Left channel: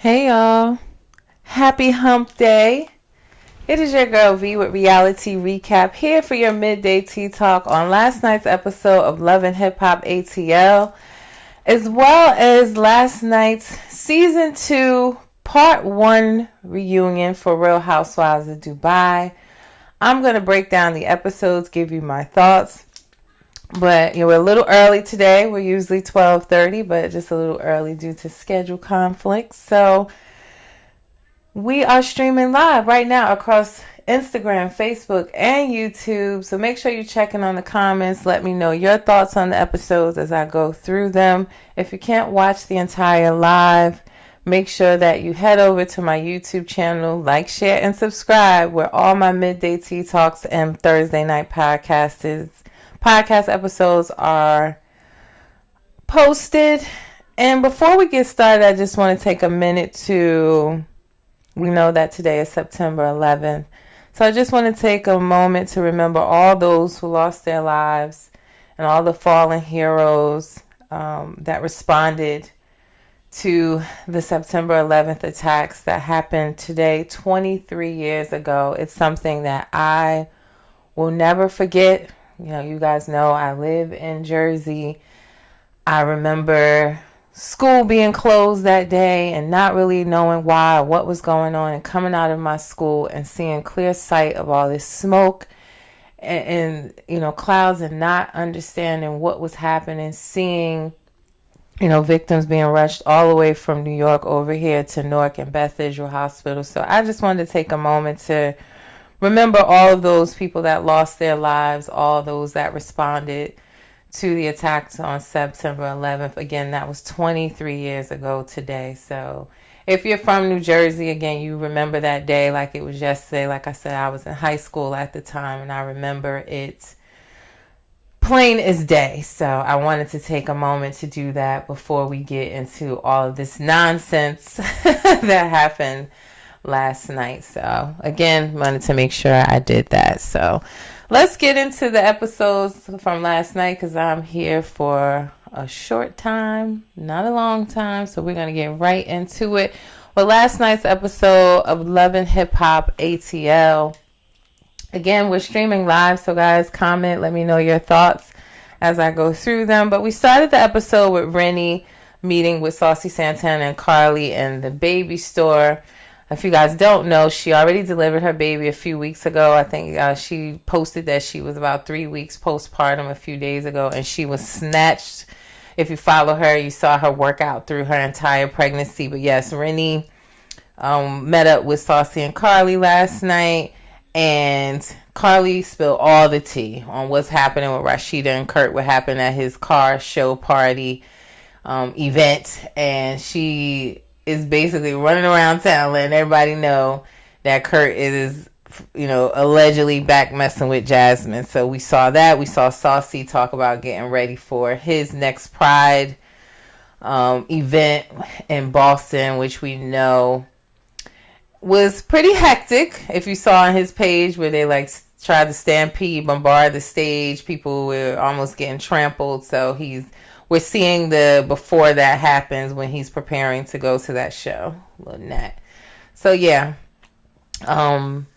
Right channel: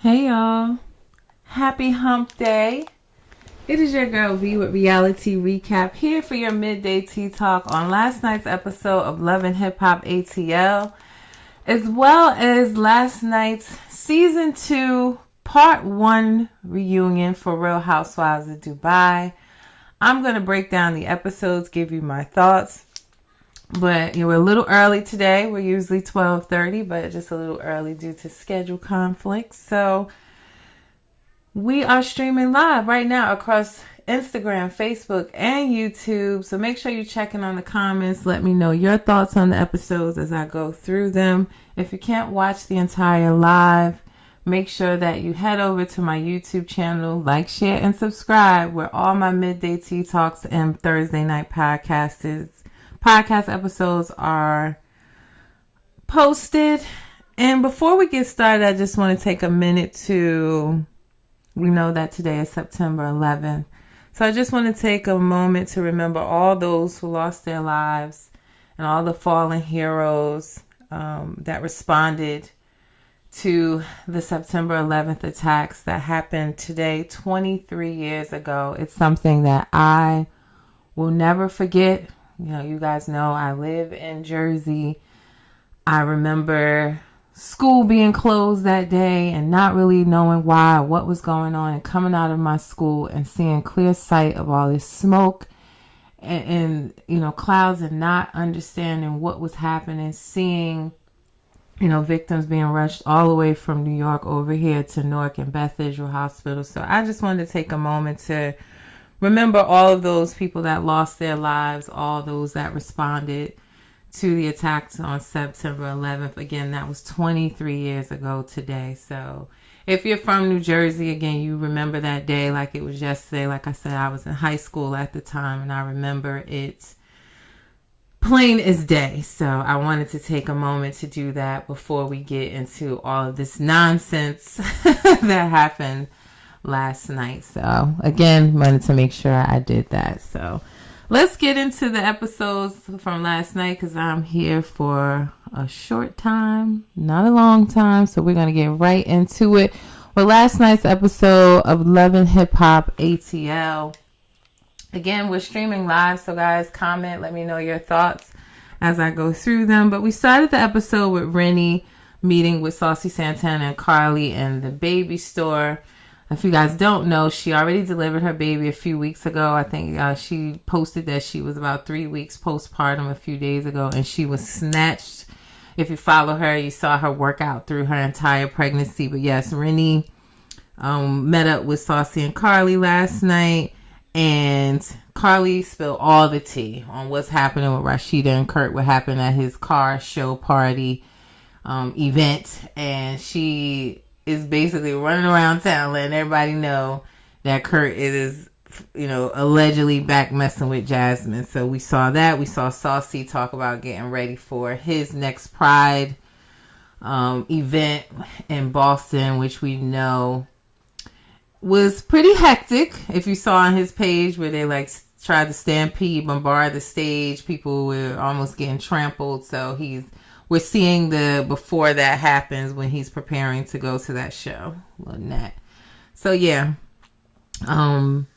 Hey y'all. Happy hump day. It is your girl V with Reality Recap here for your midday tea talk on last night's episode of Love and Hip Hop ATL, as well as last night's season 2 part 1 reunion for Real Housewives of Dubai. I'm going to break down the episodes, give you my thoughts. But we're a little early today. We're usually 12:30, but just a little early due to schedule conflicts. So we are streaming live right now across Instagram, Facebook, and YouTube. So make sure you're checking on the comments. Let me know your thoughts on the episodes as I go through them. If you can't watch the entire live, make sure that you head over to my YouTube channel, like, share, and subscribe, where all my midday tea talks and Thursday night podcast episodes are posted. And before we get started, I just want to take a minute we know that today is September 11th. So I just want to take a moment to remember all those who lost their lives and all the fallen heroes that responded to the September 11th attacks that happened today, 23 years ago. It's something that I will never forget. You guys know I live in Jersey. I remember school being closed that day and not really knowing why, what was going on, and coming out of my school and seeing clear sight of all this smoke and clouds, and not understanding what was happening, seeing, victims being rushed all the way from New York over here to Newark and Beth Israel Hospital. So I just wanted to take a moment to remember all of those people that lost their lives, all those that responded to the attacks on September 11th. Again, that was 23 years ago today. So if you're from New Jersey, again, you remember that day like it was yesterday. Like I said, I was in high school at the time, and I remember it plain as day. So I wanted to take a moment to do that before we get into all of this nonsense that happened last night. So again, wanted to make sure I did that. So let's get into the episodes from last night, because I'm here for a short time, not a long time. So we're going to get right into it. Well, last night's episode of Love and Hip Hop ATL. Again, we're streaming live. So guys, comment, let me know your thoughts as I go through them. But we started the episode with Rennie meeting with Saucy Santana and Carly in the baby store. If you guys don't know, she already delivered her baby a few weeks ago. I think she posted that she was about 3 weeks postpartum a few days ago, and she was snatched. If you follow her, you saw her work out through her entire pregnancy. But yes, Rennie met up with Saucy and Carly last night, and Carly spilled all the tea on what's happening with Rashida and Kurt, what happened at his car show party event, and she is basically running around town letting everybody know that Kurt is, allegedly back messing with Jasmine. So we saw that. We saw Saucy talk about getting ready for his next Pride event in Boston, which we know was pretty hectic. If you saw on his page where they tried to stampede, bombard the stage, people were almost getting trampled. So we're seeing the before that happens when he's preparing to go to that show. Little Nat. So yeah.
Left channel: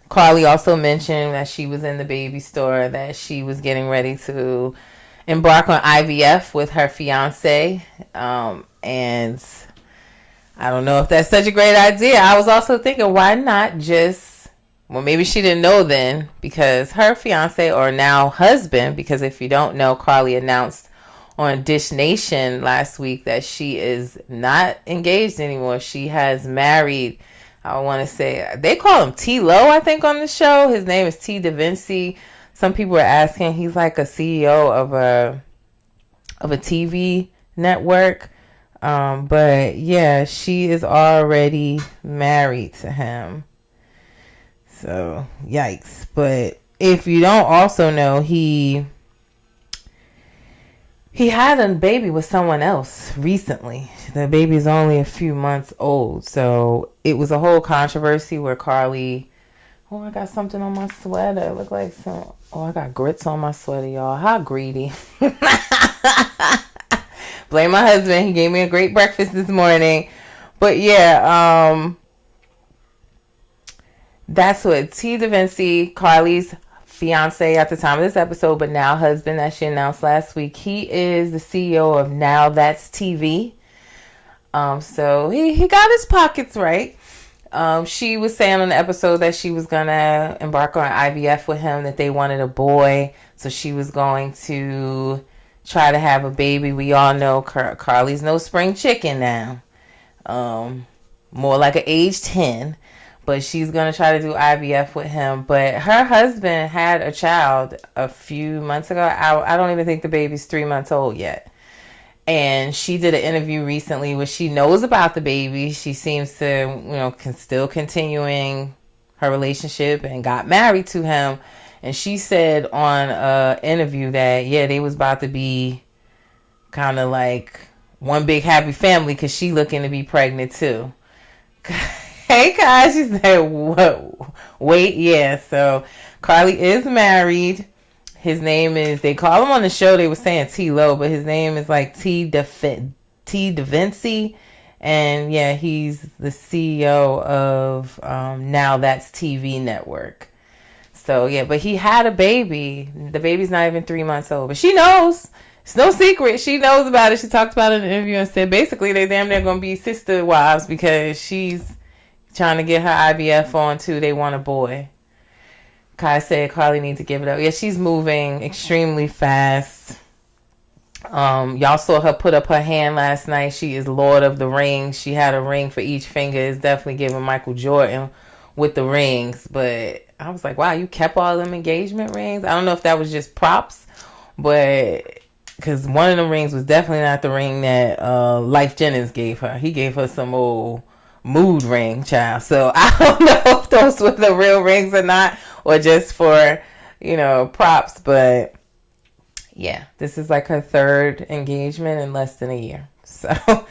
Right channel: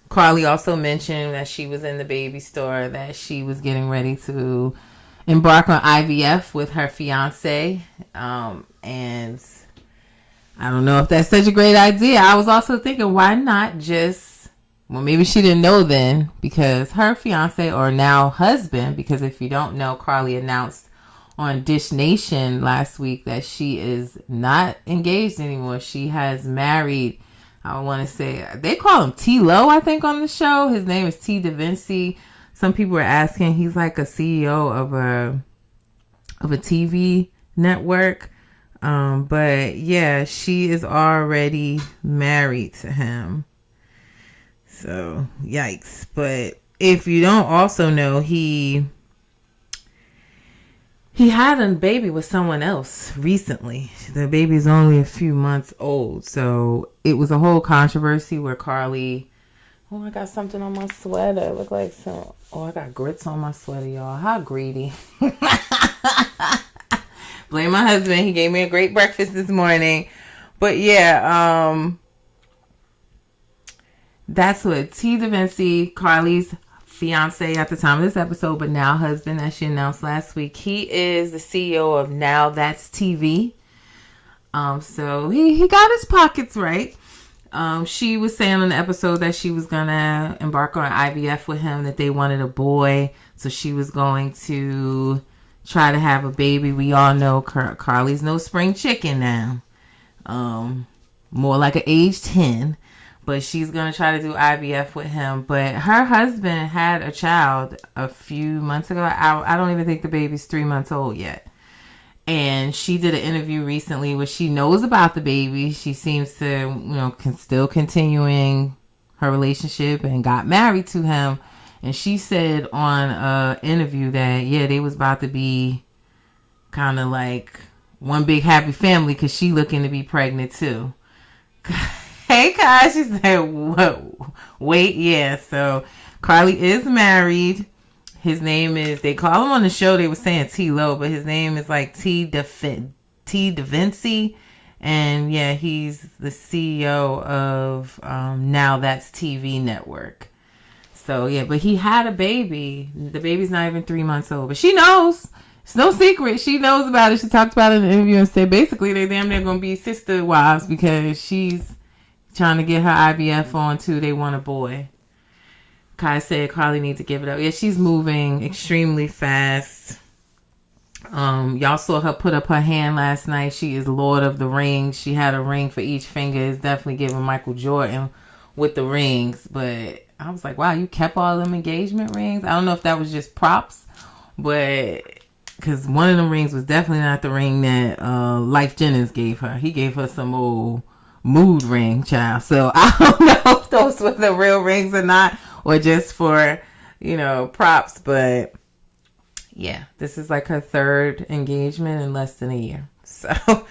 Carly also mentioned that she was in the baby store, that she was getting ready to embark on IVF with her fiance. And I don't know if that's such a great idea. I was also thinking, why not maybe she didn't know then, because her fiance, or now husband, because if you don't know, Carly announced on Dish Nation last week that she is not engaged anymore. She has married, I want to say, they call him T-Lo, I think, on the show. His name is T. DaVinci. Some people are asking, he's like a CEO of a TV network. But yeah, she is already married to him. So, yikes. But if you don't also know, he had a baby with someone else recently. The baby is only a few months old. So it was a whole controversy where Carly, I got something on my sweater. It looked like I got grits on my sweater, y'all. How greedy. Blame my husband. He gave me a great breakfast this morning. But yeah, that's what T. DaVinci, Carly's fiance at the time of this episode, but now husband, as she announced last week. He is the CEO of Now That's TV. So he got his pockets right. She was saying on the episode that she was gonna embark on IVF with him, that they wanted a boy, so she was going to try to have a baby. We all know Carly's no spring chicken now. More like an age 10. But she's going to try to do IVF with him. But her husband had a child a few months ago. I don't even think the baby's 3 months old yet. And she did an interview recently where she knows about the baby. She seems to, still continuing her relationship and got married to him. And she said on an interview that, yeah, they was about to be kind of like one big happy family because she looking to be pregnant too. Hey, guys, she said, what? Wait, yeah. So Carly is married. His name is, they call him on the show, they were saying T-Lo, but his name is like T. DaVinci. And yeah, he's the CEO of Now That's TV Network. So yeah, but he had a baby. The baby's not even 3 months old, but she knows. It's no secret. She knows about it. She talked about it in an interview and said basically they damn near going to be sister wives because she's trying to get her IVF on too. They want a boy. Kai said Carly needs to give it up. Yeah, she's moving extremely fast. Y'all saw her put up her hand last night. She is Lord of the Rings. She had a ring for each finger. It's definitely giving Michael Jordan with the rings. But I was like, wow, you kept all them engagement rings? I don't know if that was just props, but because one of the rings was definitely not the ring that Life Jennings gave her. He gave her some old mood ring, child. So I don't know if those were the real rings or not, or just for, props. But yeah, this is like her third engagement in less than a year. So,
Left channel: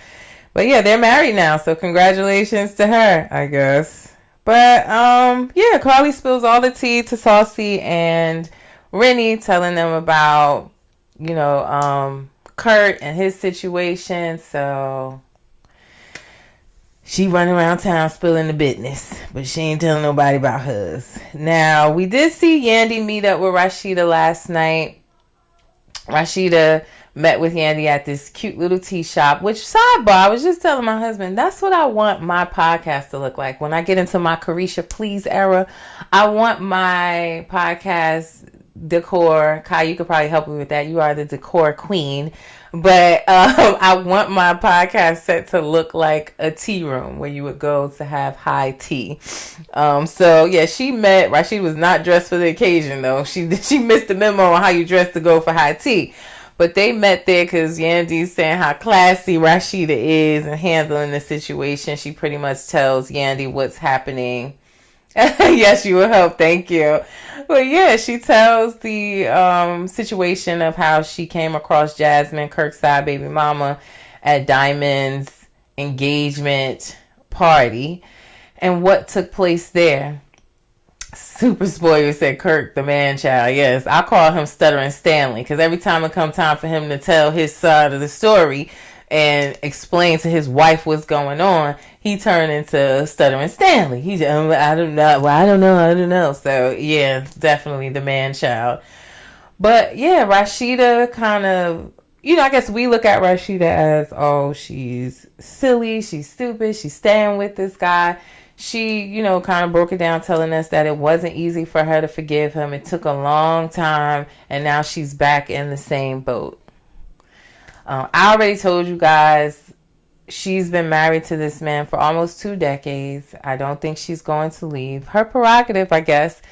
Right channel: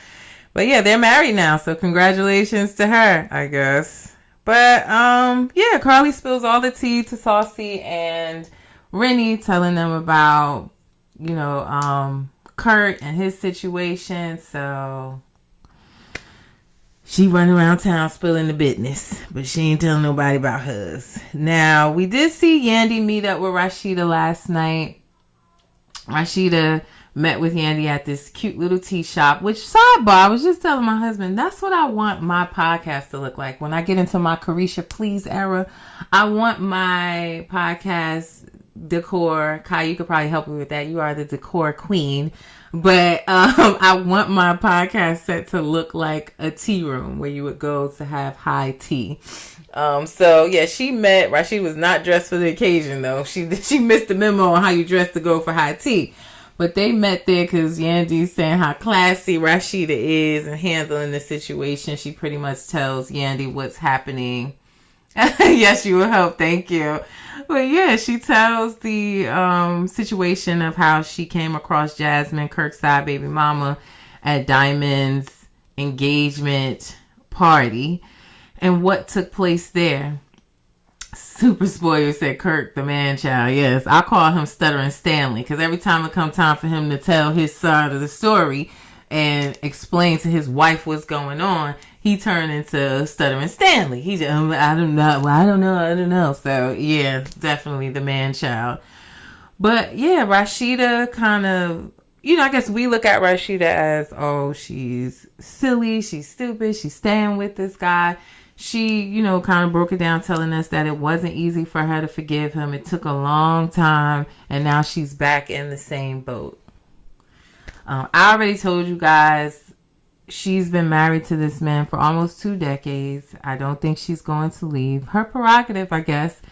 but yeah, they're married now. So congratulations to her, I guess. But yeah, Carly spills all the tea to Saucy and Rennie, telling them about, Kurt and his situation. So she running around town spilling the business, but she ain't telling nobody about hers. Now, we did see Yandy meet up with Rashida last night. Rashida met with Yandy at this cute little tea shop, which, sidebar, I was just telling my husband, that's what I want my podcast to look like. When I get into my Carisha Please era, I want my podcast decor. Kai, you could probably help me with that. You are the decor queen. But I want my podcast set to look like a tea room where you would go to have high tea. So yeah, she met. Rashida was not dressed for the occasion though. She missed the memo on how you dress to go for high tea. But they met there because Yandy's saying how classy Rashida is and handling the situation. She pretty much tells Yandy what's happening. Yes, you will help. Thank you. But yeah, she tells the situation of how she came across Jasmine, Kirk's side baby mama, at Diamond's engagement party and what took place there. Super spoiler, said Kirk, the man child. Yes, I call him Stuttering Stanley because every time it comes time for him to tell his side of the story and explain to his wife what's going on, he turned into Stuttering Stanley. He just, I don't know. So yeah, definitely the man child. But yeah, Rashida kind of, I guess we look at Rashida as, oh, she's silly, she's stupid, she's staying with this guy. She, kind of broke it down telling us that it wasn't easy for her to forgive him. It took a long time, and now she's back in the same boat. I already told you guys, she's been married to this man for almost 2 decades. I don't think she's going to leave. Her prerogative, I guess.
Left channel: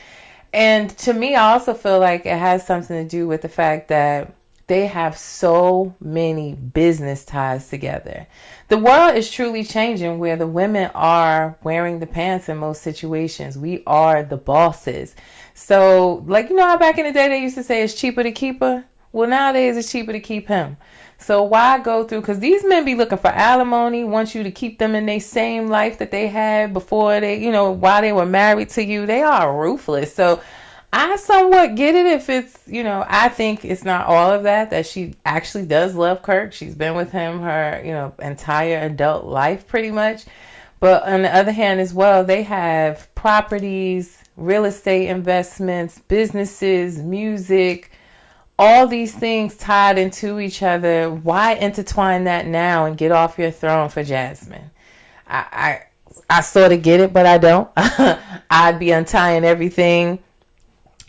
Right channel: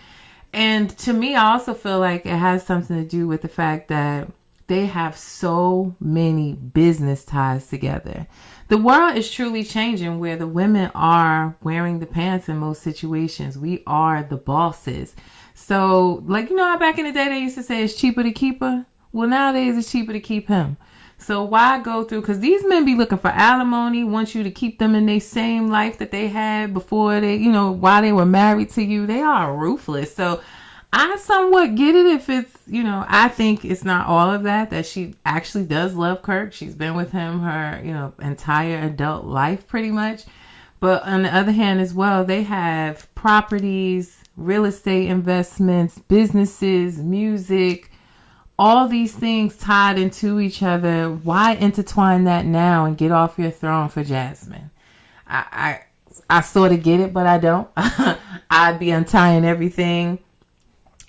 And to me, I also feel like it has something to do with the fact that they have so many business ties together. The world is truly changing where the women are wearing the pants in most situations. We are the bosses. So, like, how back in the day they used to say it's cheaper to keep her? Well, nowadays it's cheaper to keep him. So why go through? Because these men be looking for alimony, want you to keep them in their same life that they had before they, while they were married to you. They are ruthless. So I somewhat get it if it's, I think it's not all of that she actually does love Kirk. She's been with him her, entire adult life pretty much. But on the other hand as well, they have properties, real estate investments, businesses, music, all these things tied into each other. Why intertwine that now and get off your throne for Jasmine? I sort of get it, but I don't. I'd be untying everything.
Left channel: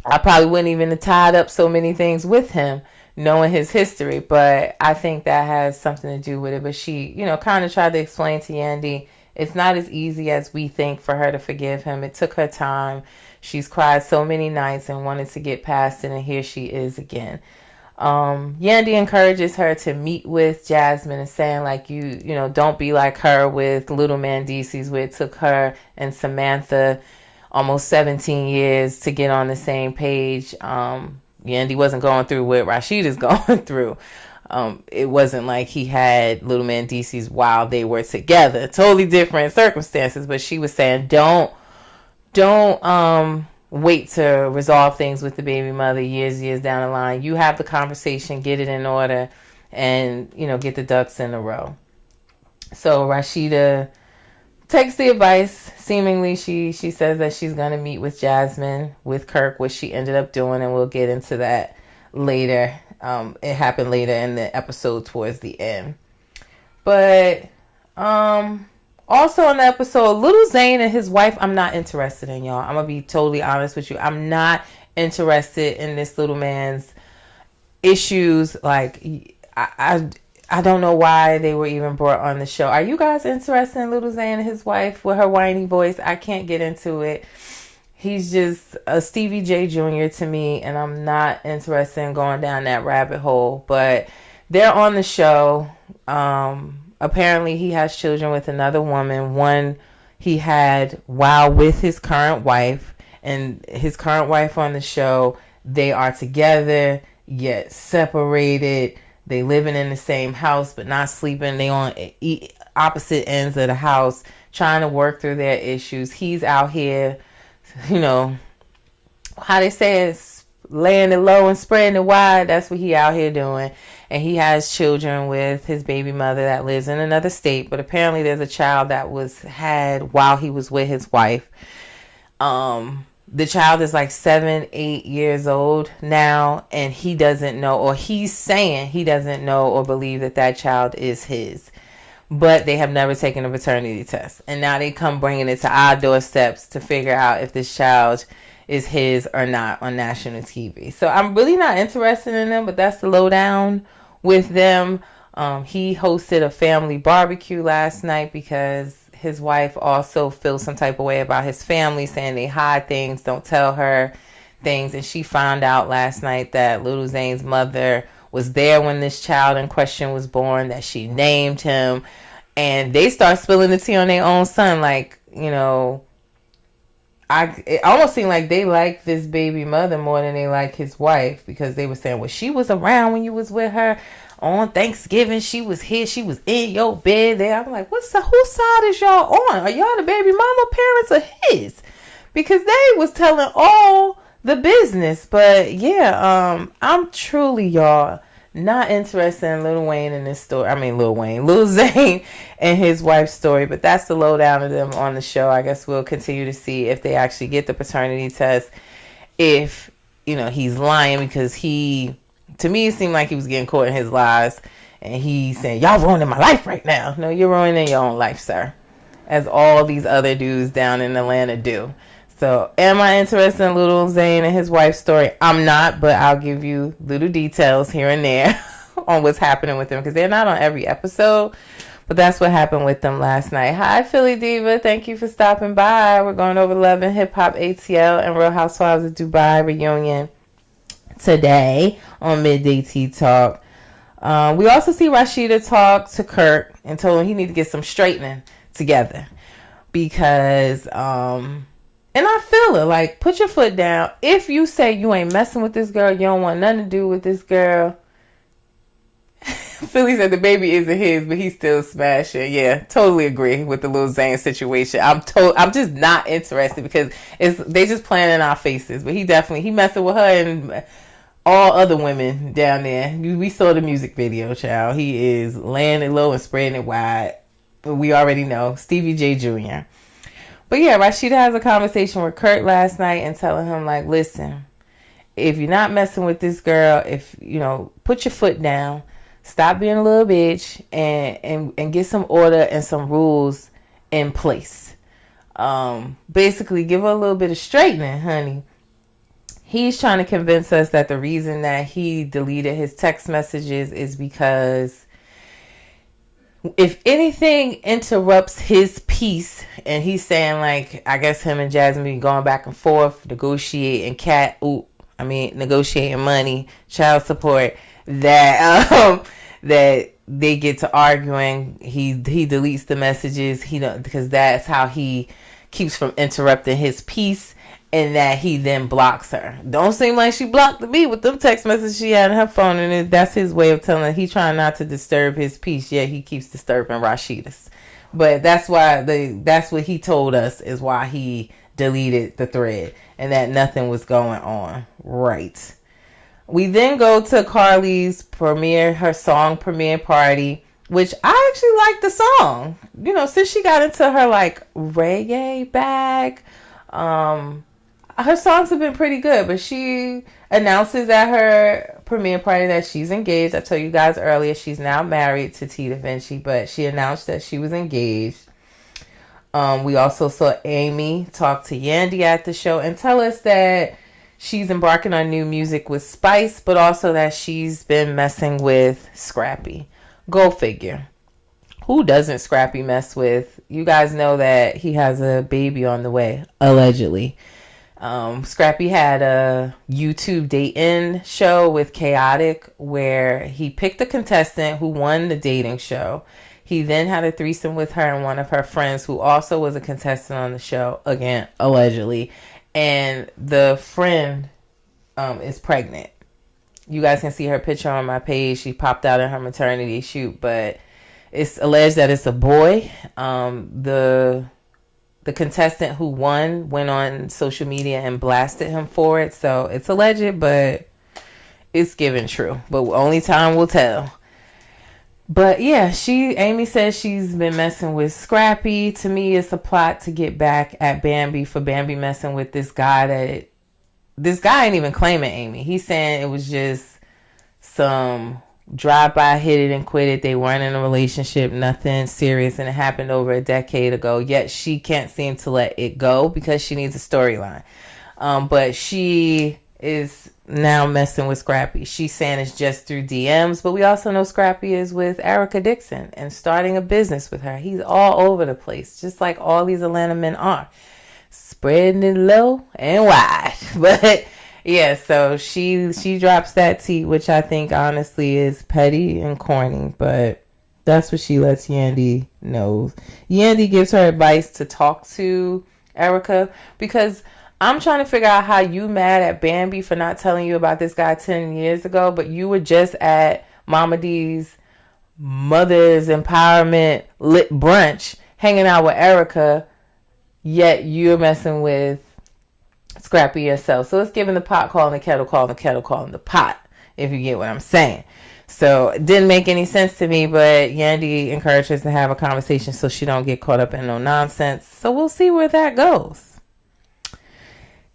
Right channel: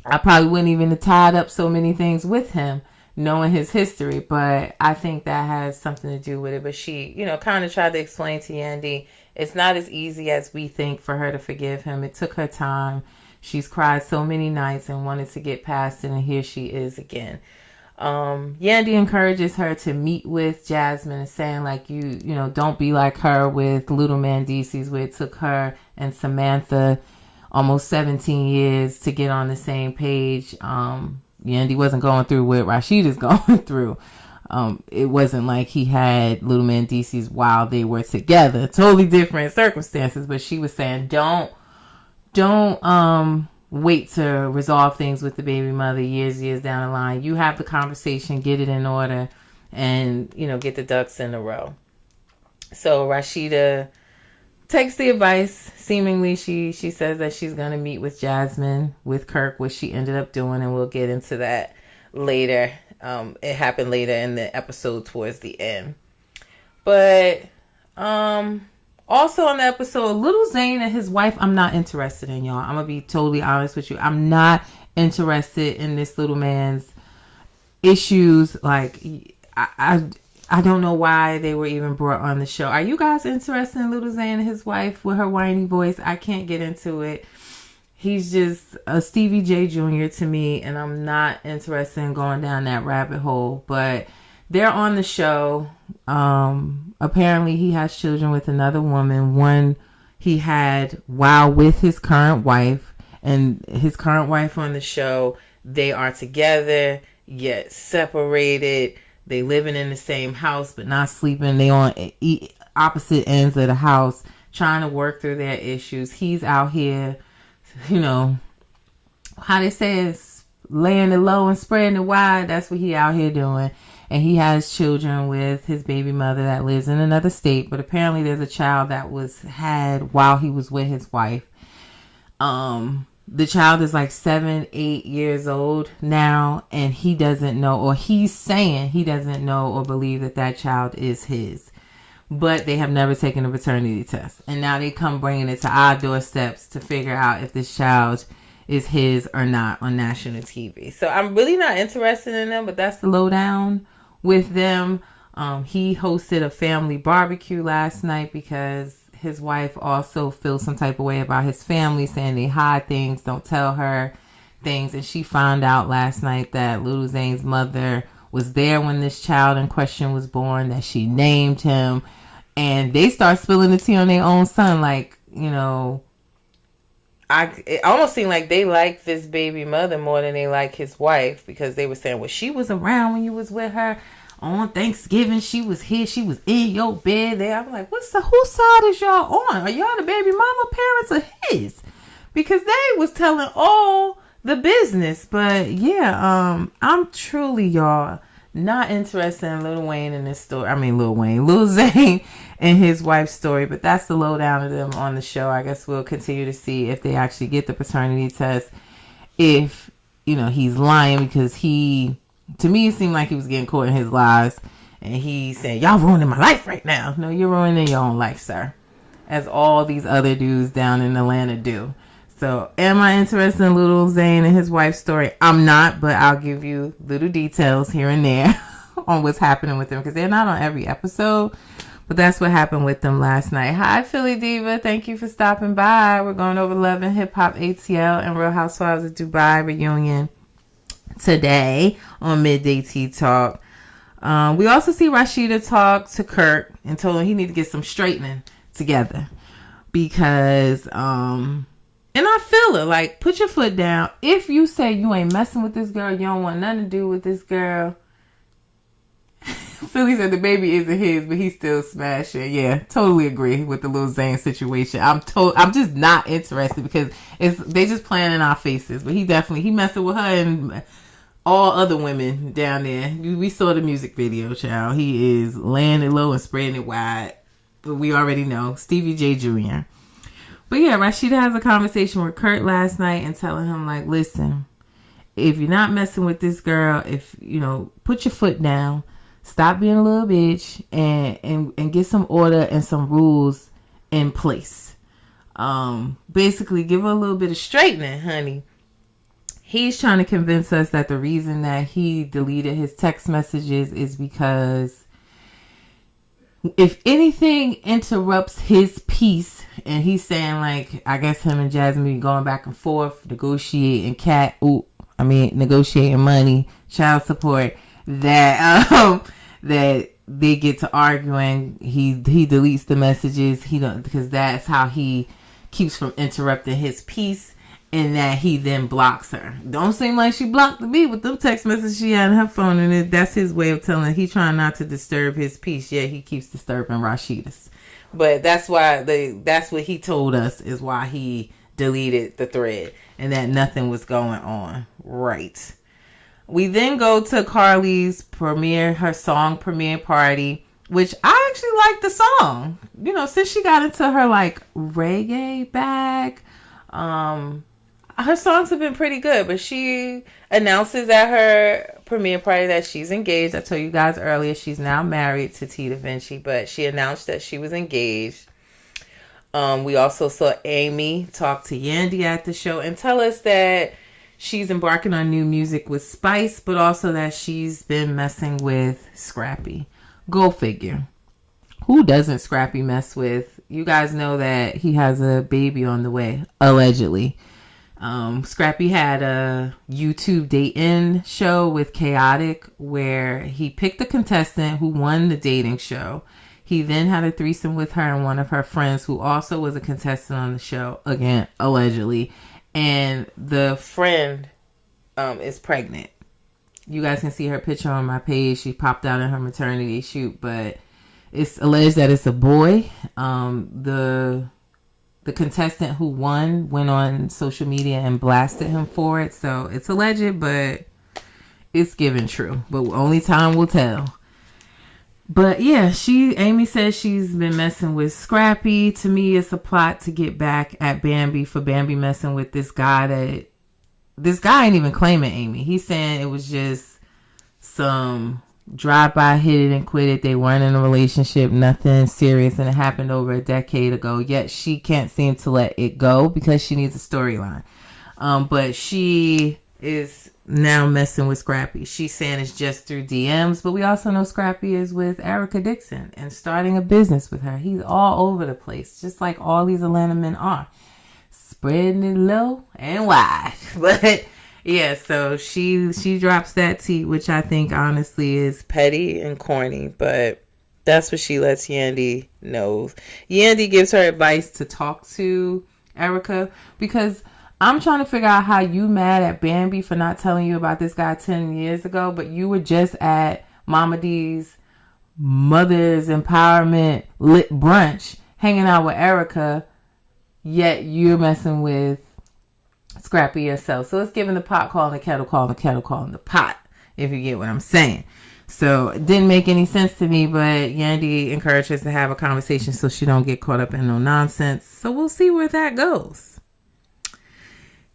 I probably wouldn't even have tied up so many things with him, knowing his history. But I think that has something to do with it. But she, kind of tried to explain to Yandy, it's not as easy as we think for her to forgive him. It took her time. She's cried so many nights and wanted to get past it, and here she is again. Yandy encourages her to meet with Jasmine and saying, like, you don't be like her with Little Mandisi's, where it took her and Samantha almost 17 years to get on the same page. Yandy wasn't going through what Rashida's going through. It wasn't like he had Little Mandisi's while they were together. Totally different circumstances. But she was saying, don't wait to resolve things with the baby mother years down the line. You have the conversation, get it in order, and, get the ducks in a row. So Rashida takes the advice. Seemingly, she says that she's going to meet with Jasmine, with Kirk, which she ended up doing, and we'll get into that later. It happened later in the episode towards the end. But also on the episode, Little Zane and his wife, I'm not interested in, y'all. I'm going to be totally honest with you. I'm not interested in this little man's issues. Like, I don't know why they were even brought on the show. Are you guys interested in Little Zane and his wife with her whiny voice? I can't get into it. He's just a Stevie J Jr. to me, and I'm not interested in going down that rabbit hole. But they're on the show. Apparently, he has children with another woman. One he had while with his current wife. And his current wife on the show, they are together, yet separated. They living in the same house, but not sleeping. They on opposite ends of the house, trying to work through their issues. He's out here, how they say it's laying it low and spreading it wide. That's what he out here doing. And he has children with his baby mother that lives in another state. But apparently there's a child that was had while he was with his wife. The child is like 7, 8 years old now, and he doesn't know, or he's saying he doesn't know or believe that child is his. But they have never taken a paternity test. And now they come bringing it to our doorsteps to figure out if this child is his or not on national TV. So I'm really not interested in them, but that's the lowdown with them. He hosted a family barbecue last night because his wife also feels some type of way about his family, saying they hide things, don't tell her things. And she found out last night that Little Zane's mother was there when this child in question was born, that she named him. And they start spilling the tea on their own son. Like, it almost seemed like they like this baby mother more than they like his wife, because they were saying, well, she was around when you was with her. On Thanksgiving, she was here. She was in your bed there. I'm like, whose side is y'all on? Are y'all the baby mama parents or his? Because they was telling all the business. But yeah, I'm truly, y'all, not interested in Lil Wayne in this story. I mean, Lil Zane and his wife's story. But that's the lowdown of them on the show. I guess we'll continue to see if they actually get the paternity test. If, he's lying, because to me, it seemed like he was getting caught in his lies. And he's saying, y'all ruining my life right now. No, you're ruining your own life, sir. As all these other dudes down in Atlanta do. So, am I interested in Little Zane and his wife's story? I'm not, but I'll give you little details here and there on what's happening with them. Because they're not on every episode. But that's what happened with them last night. Hi, Philly Diva. Thank you for stopping by. We're going over Love and Hip Hop ATL and Real Housewives of Dubai reunion today on Midday Tea Talk. We also see Rashida talk to Kirk and told him he need to get some straightening together, because and I feel her, like, put your foot down. If you say you ain't messing with this girl, you don't want nothing to do with this girl, Philly said the baby isn't his, but he's still smashing. Yeah, totally agree with the Lil Zane situation. I'm just not interested because they just playing in our faces. But he messing with her and all other women down there. We saw the music video, child. He is laying it low and spreading it wide. But we already know Stevie J Jr. But yeah, Rashida has a conversation with Kurt last night and telling him, like, listen, if you're not messing with this girl, put your foot down, stop being a little bitch, and get some order and some rules in place. Basically, give her a little bit of straightening, honey. He's trying to convince us that the reason that he deleted his text messages is because if anything interrupts his peace, and he's saying, like, I guess him and Jasmine going back and forth, negotiating negotiating money, child support, that they get to arguing. He deletes the messages. Because that's how he keeps from interrupting his peace, and that he then blocks her. Don't seem like she blocked me with them text messages she had on her phone, and that's his way of telling her he trying not to disturb his peace. Yeah, he keeps disturbing Rashida's. But that's what he told us is why he deleted the thread, and that nothing was going on. Right. We then go to Carly's her song premiere party, which I actually like the song. Since she got into her like reggae bag, her songs have been pretty good, but she announces at her premiere party that she's engaged. I told you guys earlier she's now married to Tita Vinci, but she announced that she was engaged. We also saw Amy talk to Yandy at the show and tell us that she's embarking on new music with Spice, but also that she's been messing with Scrappy. Go figure. Who doesn't Scrappy mess with? You guys know that he has a baby on the way, allegedly. Scrappy had a YouTube date-in show with Chaotic where he picked a contestant who won the dating show. He then had a threesome with her and one of her friends who also was a contestant on the show, again, allegedly. And the friend is pregnant. You guys can see her picture on my page. She popped out in her maternity shoot, but it's alleged that it's a boy. The contestant who won went on social media and blasted him for it. So it's alleged, but it's given true. But only time will tell. But yeah, Amy says she's been messing with Scrappy. To me, it's a plot to get back at Bambi for Bambi messing with this guy this guy ain't even claiming Amy. He's saying it was just some drive-by, hit it and quit it. They weren't in a relationship, nothing serious, and it happened over a decade ago. Yet she can't seem to let it go because she needs a storyline. But she is now messing with Scrappy. She's saying it's just through DMs, but we also know Scrappy is with Erica Dixon and starting a business with her. He's all over the place, just like all these Atlanta men are. Spreading it low and wide. But yeah, so she drops that tea, which I think honestly is petty and corny, but that's what she lets Yandy know. Yandy gives her advice to talk to Erica because I'm trying to figure out how you mad at Bambi for not telling you about this guy 10 years ago, but you were just at Mama D's Mother's Empowerment lit brunch hanging out with Erica, yet you're messing with Scrappy yourself. So it's giving the pot calling the kettle calling the kettle calling the pot, if you get what I'm saying. So it didn't make any sense to me, but Yandy encouraged us to have a conversation so she don't get caught up in no nonsense. So we'll see where that goes.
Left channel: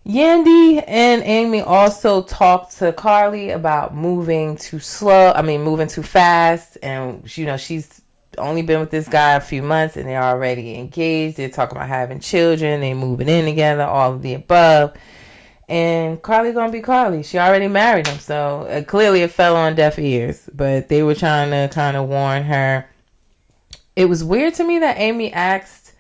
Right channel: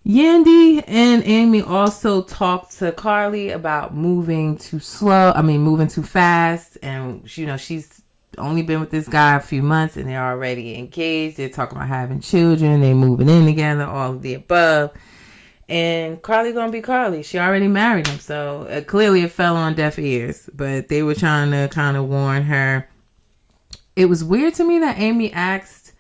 Yandy and Amy also talked to Carly about moving too fast. And, she's only been with this guy a few months and they're already engaged. They're talking about having children. They moving in together, all of the above. And Carly gonna be Carly. She already married him. So clearly it fell on deaf ears. But they were trying to kind of warn her. It was weird to me that Amy asked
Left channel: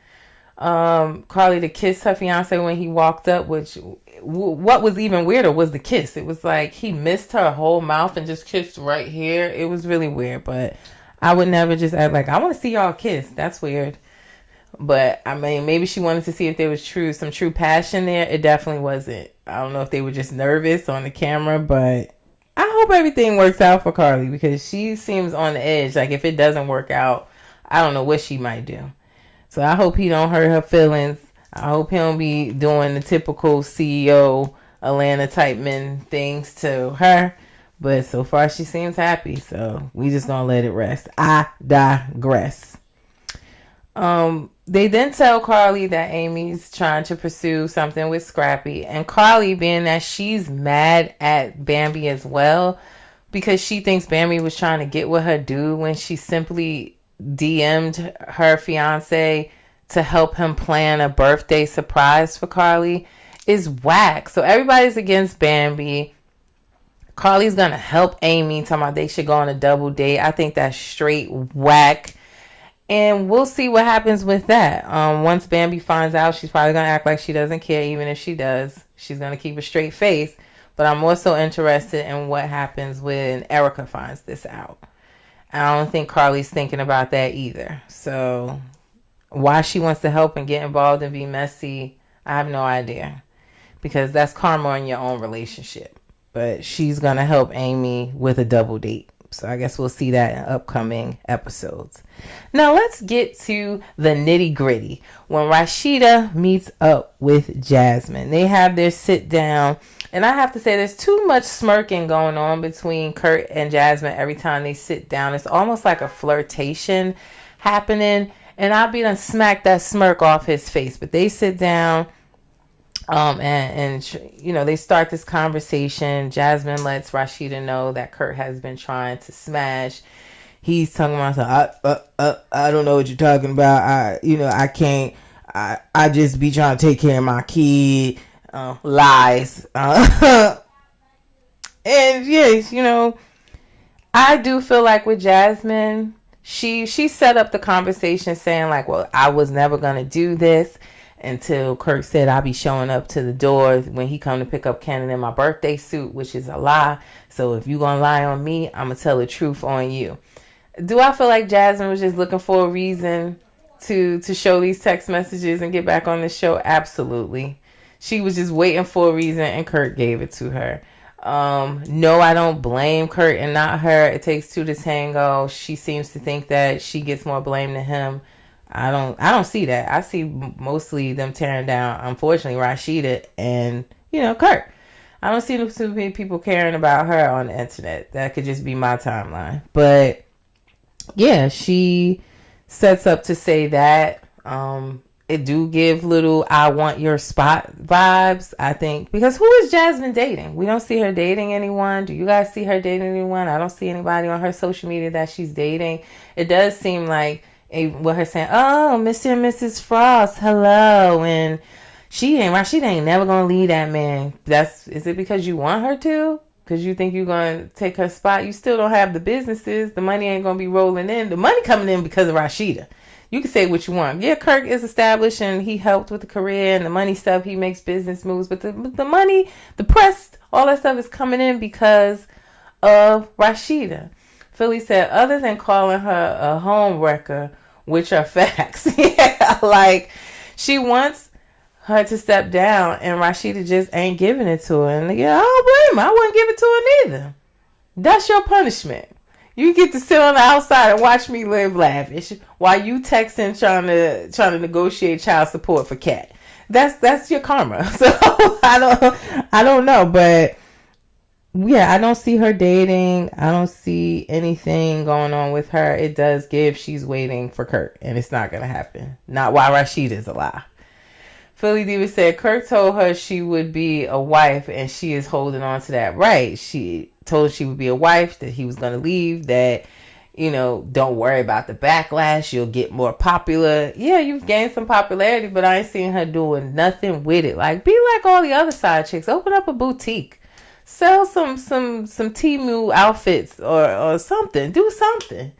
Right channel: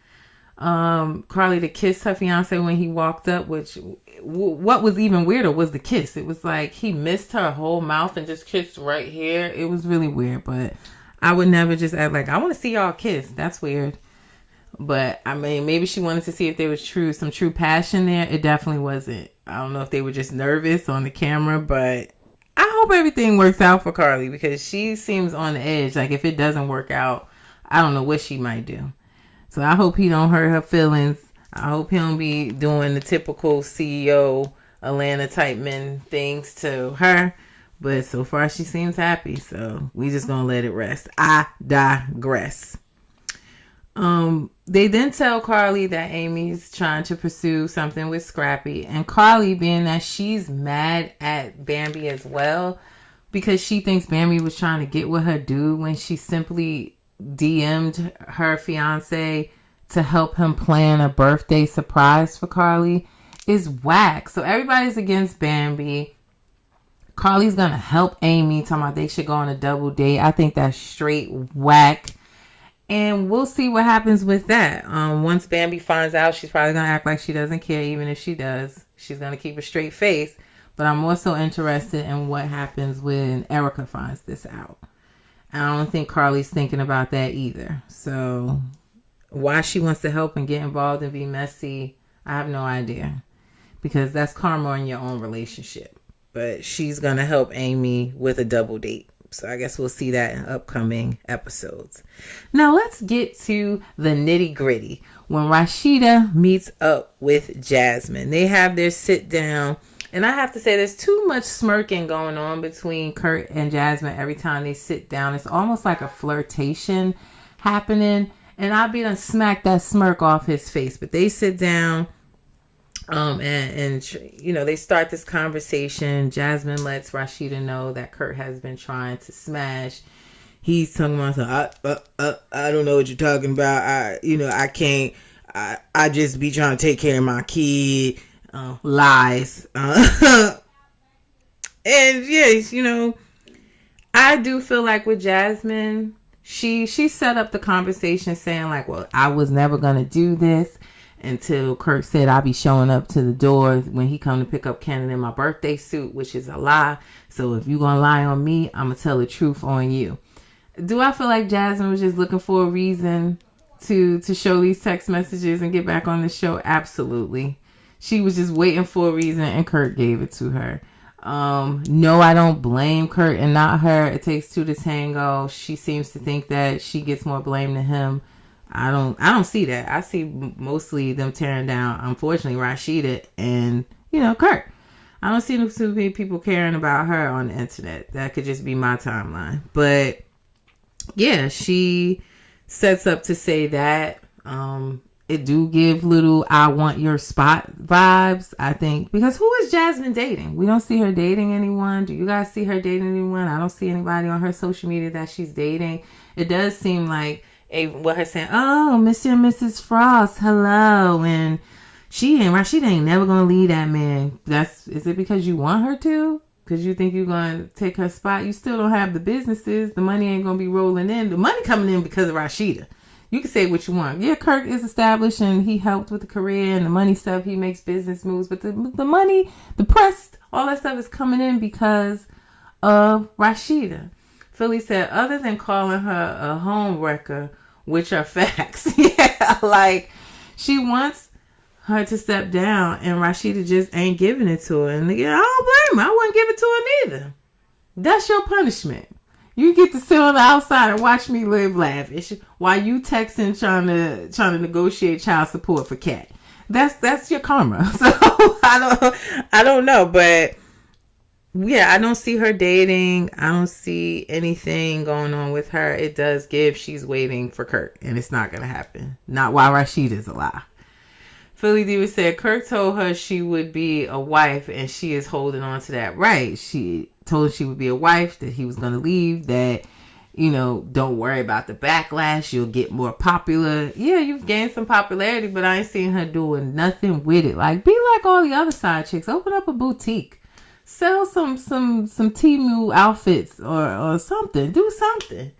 Carly to kiss her fiance when he walked up, which what was even weirder was the kiss. It was like he missed her whole mouth and just kissed right here. It was really weird, but I would never just act like I want to see y'all kiss. That's weird. But I mean, maybe she wanted to see if there was some true passion there. It definitely wasn't. I don't know if they were just nervous on the camera, but I hope everything works out for Carly, because she seems on the edge. Like, if it doesn't work out, I don't know what she might do. So I hope he don't hurt her feelings. I hope he don't be doing the typical CEO Atlanta type men things to her. But so far she seems happy, so we just gonna let it rest. I digress. They then tell Carly that Amy's trying to pursue something with Scrappy, and Carly, being that she's mad at Bambi as well, because she thinks Bambi was trying to get with her dude when she simply DM'd her fiance to help him plan a birthday surprise for Carly, is whack. So everybody's against Bambi. Carly's gonna help Amy, talking about they should go on a double date. I think that's straight whack. And we'll see what happens with that. Once Bambi finds out, she's probably going to act like she doesn't care. Even if she does, she's going to keep a straight face. But I'm also interested in what happens when Erica finds this out. I don't think Carly's thinking about that either. So why she wants to help and get involved and be messy, I have no idea. Because that's karma in your own relationship. But she's going to help Amy with a double date. So I guess we'll see that in upcoming episodes. Now let's get to the nitty gritty. When Rashida meets up with Jasmine, they have their sit down. And I have to say, there's too much smirking going on between Kurt and Jasmine every time they sit down. It's almost like a flirtation happening. And I'll be done smack that smirk off his face. But they sit down. They start this conversation. Jasmine lets Rashida know that Kurt has been trying to smash. He's talking about, I don't know what you're talking about. I can't. I just be trying to take care of my kid. Lies. And yes, I do feel like with Jasmine, she set up the conversation saying like, well, I was never gonna do this. Until Kurt said I'll be showing up to the door when he come to pick up Cannon in my birthday suit, which is a lie. So if you gonna lie on me, I'm gonna tell the truth on you. Do I feel like Jasmine was just looking for a reason to show these text messages and get back on the show? Absolutely. She was just waiting for a reason, and Kurt gave it to her. No, I don't blame Kurt and not her. It takes two to tango. She seems to think that she gets more blame than him. I don't see that. I see mostly them tearing down, unfortunately, Rashida and, Kurt. I don't see too many people caring about her on the internet. That could just be my timeline. But yeah, she sets up to say that. It do give little I want your spot vibes, I think. Because who is Jasmine dating? We don't see her dating anyone. Do you guys see her dating anyone? I don't see anybody on her social media that she's dating. It does seem like with her saying, oh, Mr. and Mrs. Frost, hello. And she ain't never going to leave that man. Is it because you want her to? Because you think you're going to take her spot? You still don't have the businesses. The money ain't going to be rolling in. The money coming in because of Rashida. You can say what you want. Yeah, Kirk is established and he helped with the career and the money stuff. He makes business moves. But the money, the press, all that stuff is coming in because of Rashida. Philly said, other than calling her a home wrecker, which are facts. Yeah, like she wants her to step down and Rashida just ain't giving it to her. And I don't blame her. I wouldn't give it to her neither. That's your punishment. You get to sit on the outside and watch me live lavish while you texting trying to negotiate child support for Kat. That's your karma. So I don't know, but yeah, I don't see her dating. I don't see anything going on with her. It does give she's waiting for Kirk, and it's not going to happen. Not while Rashida's alive. Philly Diva said Kirk told her she would be a wife, and she is holding on to that right. She told her she would be a wife, that he was going to leave, that, don't worry about the backlash. You'll get more popular. Yeah, you've gained some popularity, but I ain't seen her doing nothing with it. Like, be like all the other side chicks. Open up a boutique. Sell some Temu outfits or something. Do something.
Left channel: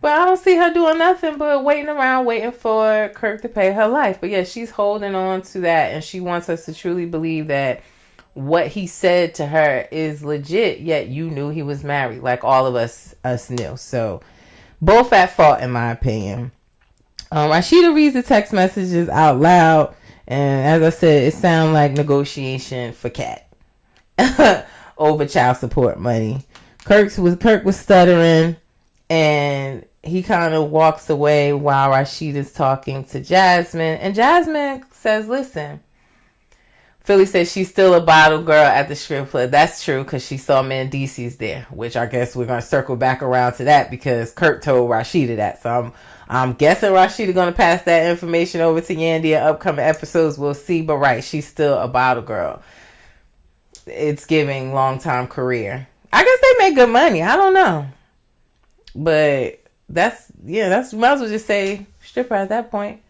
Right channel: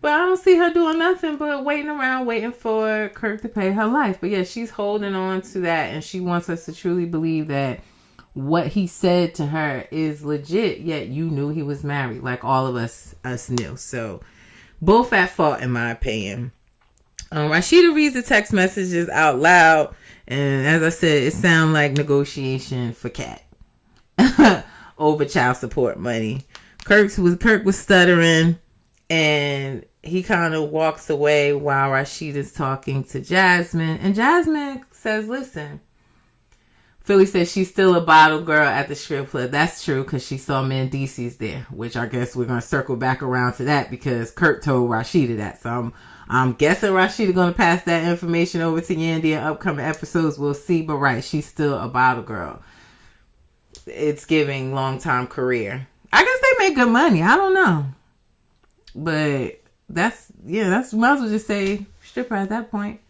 But I don't see her doing nothing but waiting around, waiting for Kirk to pay her life. But yeah, she's holding on to that, and she wants us to truly believe that what he said to her is legit, yet you knew he was married, like all of us knew. So both at fault, in my opinion. Rashida reads the text messages out loud, and as I said, it sounds like negotiation for Kat. over child support money. Kirk was stuttering, and he kind of walks away while Rashida's talking to Jasmine. And Jasmine says, listen, Philly says she's still a bottle girl at the strip club. That's true, because she saw Mandisi's there, which I guess we're going to circle back around to that because Kirk told Rashida that. So I'm guessing Rashida going to pass that information over to Yandy in upcoming episodes. We'll see. But right, she's still a bottle girl. It's giving long-time career. I guess they make good money. I don't know. But that's might as well just say stripper at that point.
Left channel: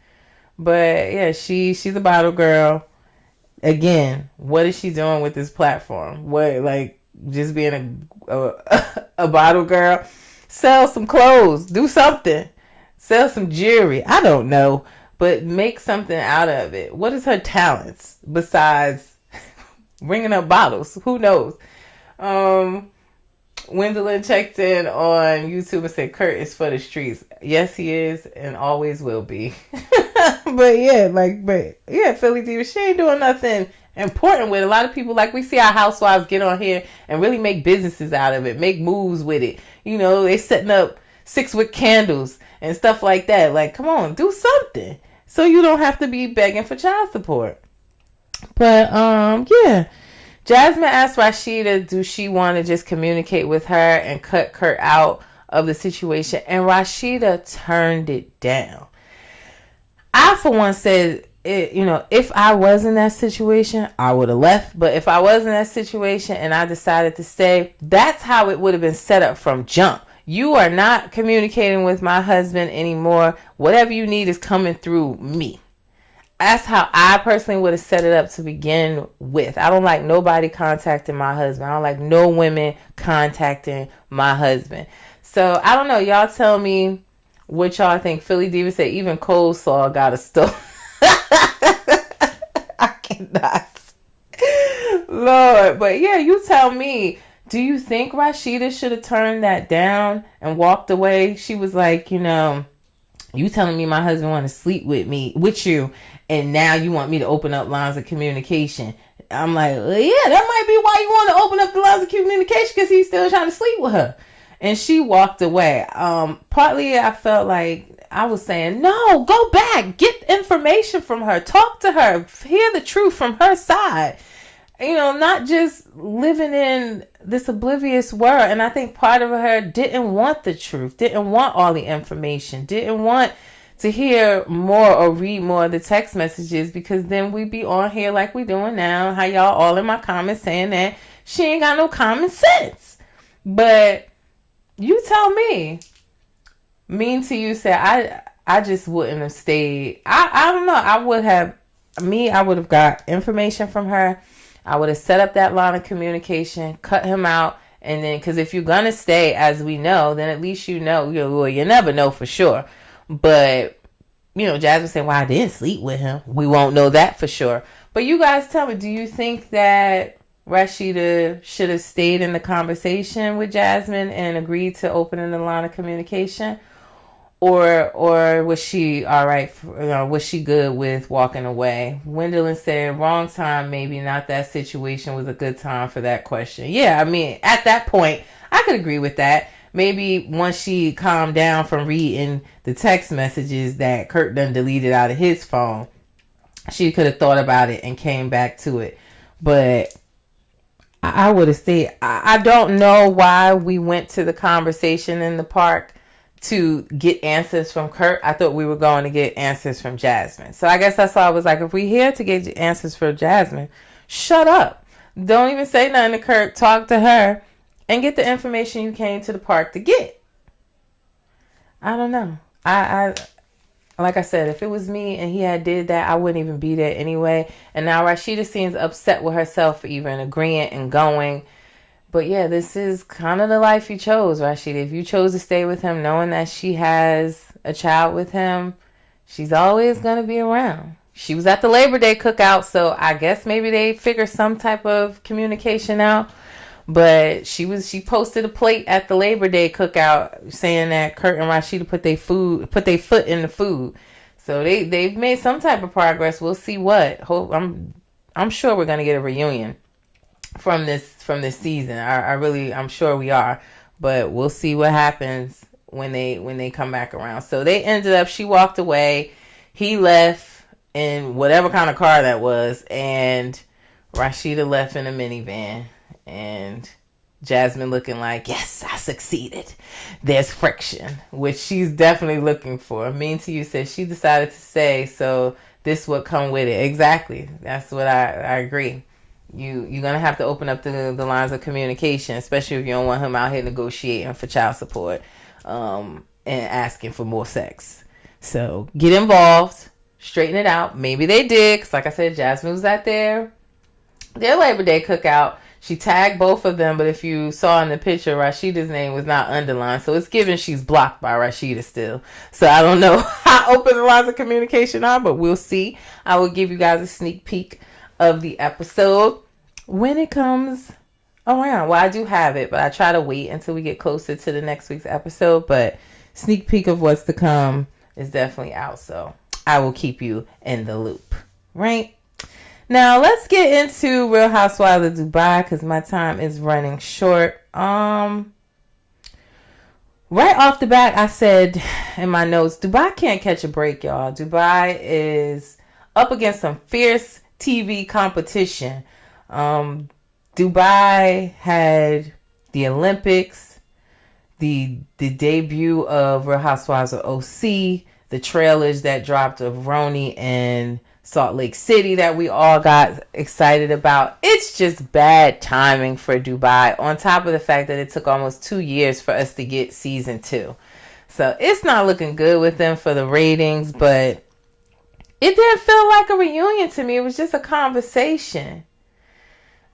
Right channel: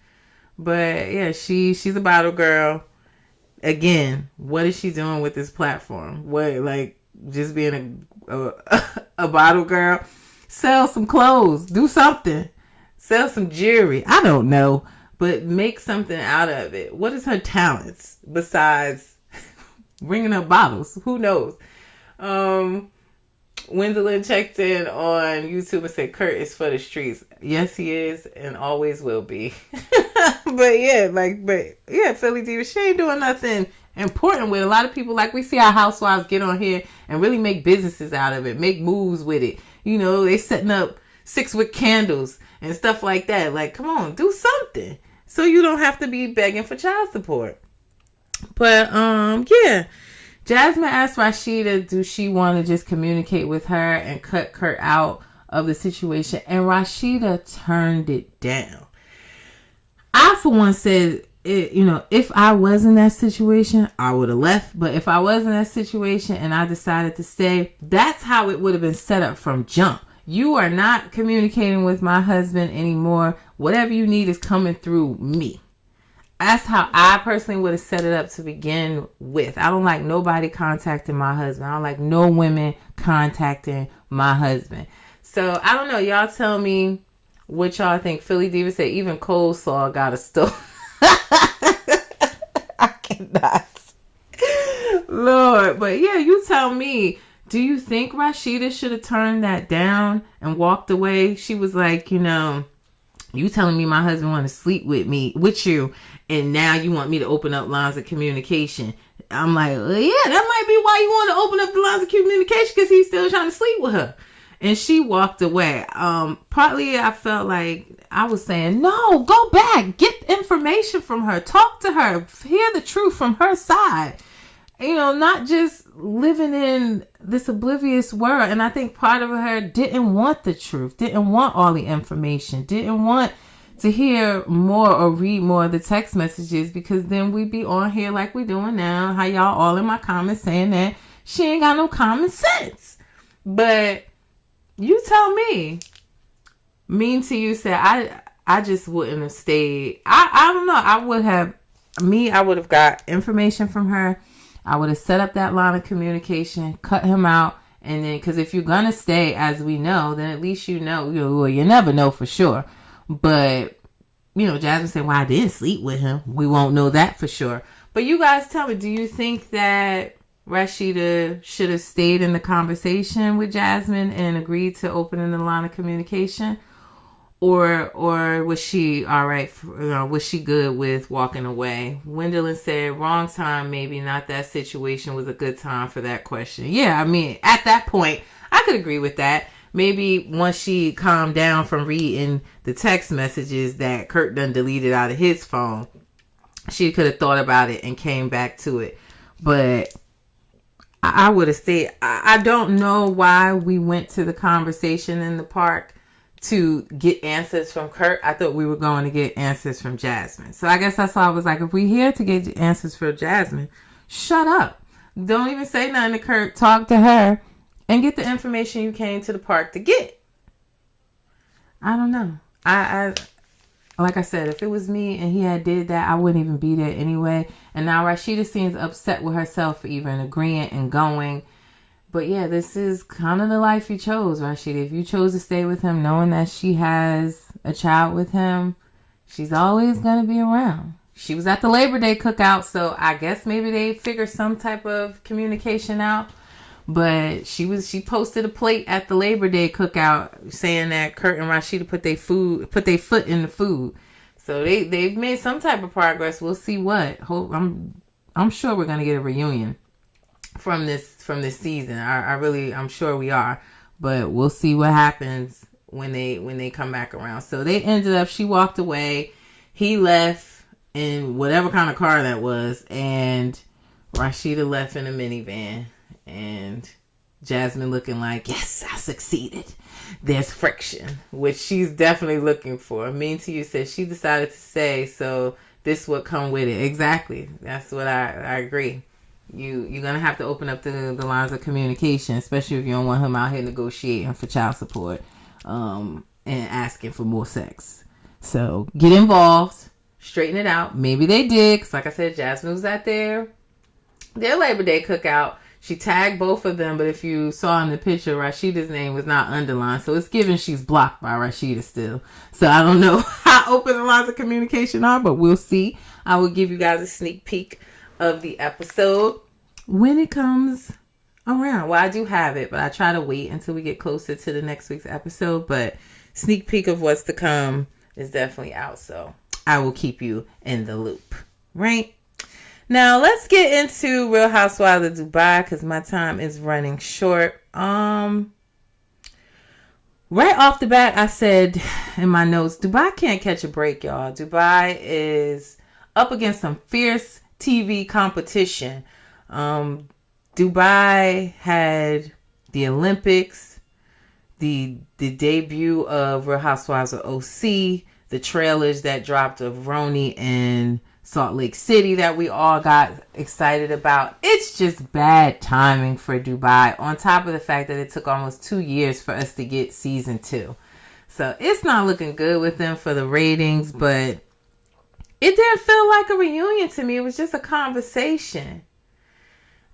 But yeah, she's a bottle girl. Again, what is she doing with this platform? What, like, just being a bottle girl? Sell some clothes. Do something. Sell some jewelry. I don't know. But make something out of it. What is her talents besides bringing up bottles? Who knows? Gwendolyn checked in on YouTube and said Kurt is for the streets. Yes, he is, and always will be. but yeah, Philly Diva, she ain't doing nothing important with a lot of people. Like, we see our housewives get on here and really make businesses out of it, make moves with it. You know, they setting up 6-wick candles and stuff like that. Like, come on, do something so you don't have to be begging for child support. But yeah. Jasmine asked Rashida, do she want to just communicate with her and cut Kurt out of the situation? And Rashida turned it down. I, for one, said, if I was in that situation, I would have left. But if I was in that situation and I decided to stay, that's how it would have been set up from jump. You are not communicating with my husband anymore. Whatever you need is coming through me. That's how I personally would have set it up to begin with. I don't like nobody contacting my husband. I don't like no women contacting my husband. So, I don't know. Y'all tell me what y'all think. Philly Diva said even coleslaw got a store. I cannot. Lord. But yeah, you tell me. Do you think Rashida should have turned that down and walked away? She was like, you telling me my husband want to sleep with you, and now you want me to open up lines of communication. I'm like, well, yeah, that might be why you want to open up the lines of communication, because he's still trying to sleep with her. And she walked away. Partly I felt like I was saying, no, go back, get information from her, talk to her, hear the truth from her side. Not just living in this oblivious world. And I think part of her didn't want the truth, didn't want all the information, didn't want to hear more or read more of the text messages, because then we'd be on here like we doing now. How y'all all in my comments saying that she ain't got no common sense. But you tell me. Mean to you said, I just wouldn't have stayed. I don't know. I would have got information from her. I would have set up that line of communication, cut him out, and then, because if you're going to stay, as we know, then at least you never know for sure. But, Jasmine said, well, I didn't sleep with him. We won't know that for sure. But you guys tell me, do you think that Rashida should have stayed in the conversation with Jasmine and agreed to opening the line of communication? Or was she all right? Was she good with walking away? Gwendolyn said, wrong time, maybe not that situation was a good time for that question. Yeah, I mean, at that point, I could agree with that. Maybe once she calmed down from reading the text messages that Kurt done deleted out of his phone, she could have thought about it and came back to it. But I would have stayed. I don't know why we went to the conversation in the park to get answers from Kurt. I thought we were going to get answers from Jasmine. So I guess that's why I was like, if we're here to get answers for Jasmine, shut up. Don't even say nothing to Kurt. Talk to her and get the information you came to the park to get. I don't know. I like I said, if it was me and he had did that, I wouldn't even be there anyway. And now Rashida seems upset with herself for even agreeing and going. But yeah, this is kind of the life you chose, Rashida. If you chose to stay with him knowing that she has a child with him, she's always going to be around. She was at the Labor Day cookout, so I guess maybe they figured some type of communication out. But she posted a plate at the Labor Day cookout saying that Kurt and Rashida put their foot in the food. So they've made some type of progress. We'll see what. I'm sure we're going to get a reunion. from this season. I'm sure we are, but we'll see what happens when they come back around. So they ended up, she walked away, he left in whatever kind of car that was, and Rashida left in a minivan, and Jasmine looking like, yes, I succeeded. There's friction, which she's definitely looking for. Mean to You said she decided to say, so this would come with it. Exactly. That's what I agree. You're going to have to open up the lines of communication, especially if you don't want him out here negotiating for child support and asking for more sex. So get involved, straighten it out. Maybe they did, because like I said, Jasmine was at their Labor Day cookout. She tagged both of them, but if you saw in the picture, Rashida's name was not underlined. So it's given she's blocked by Rashida still. So I don't know how open the lines of communication are, but we'll see. I will give you guys a sneak peek of the episode when it comes around. Well, I do have it, but I try to wait until we get closer to the next week's episode. But sneak peek of what's to come is definitely out. So I will keep you in the loop. Right? Now, let's get into Real Housewives of Dubai, because my time is running short. Right off the bat, I said in my notes, Dubai can't catch a break, y'all. Dubai is up against some fierce TV competition. Dubai had the Olympics, the debut of Real Housewives of OC, the trailers that dropped of Roni and Salt Lake City that we all got excited about. It's just bad timing for Dubai, on top of the fact that it took almost 2 years for us to get season 2. So it's not looking good with them for the ratings, but it didn't feel like a reunion to me. It was just a conversation.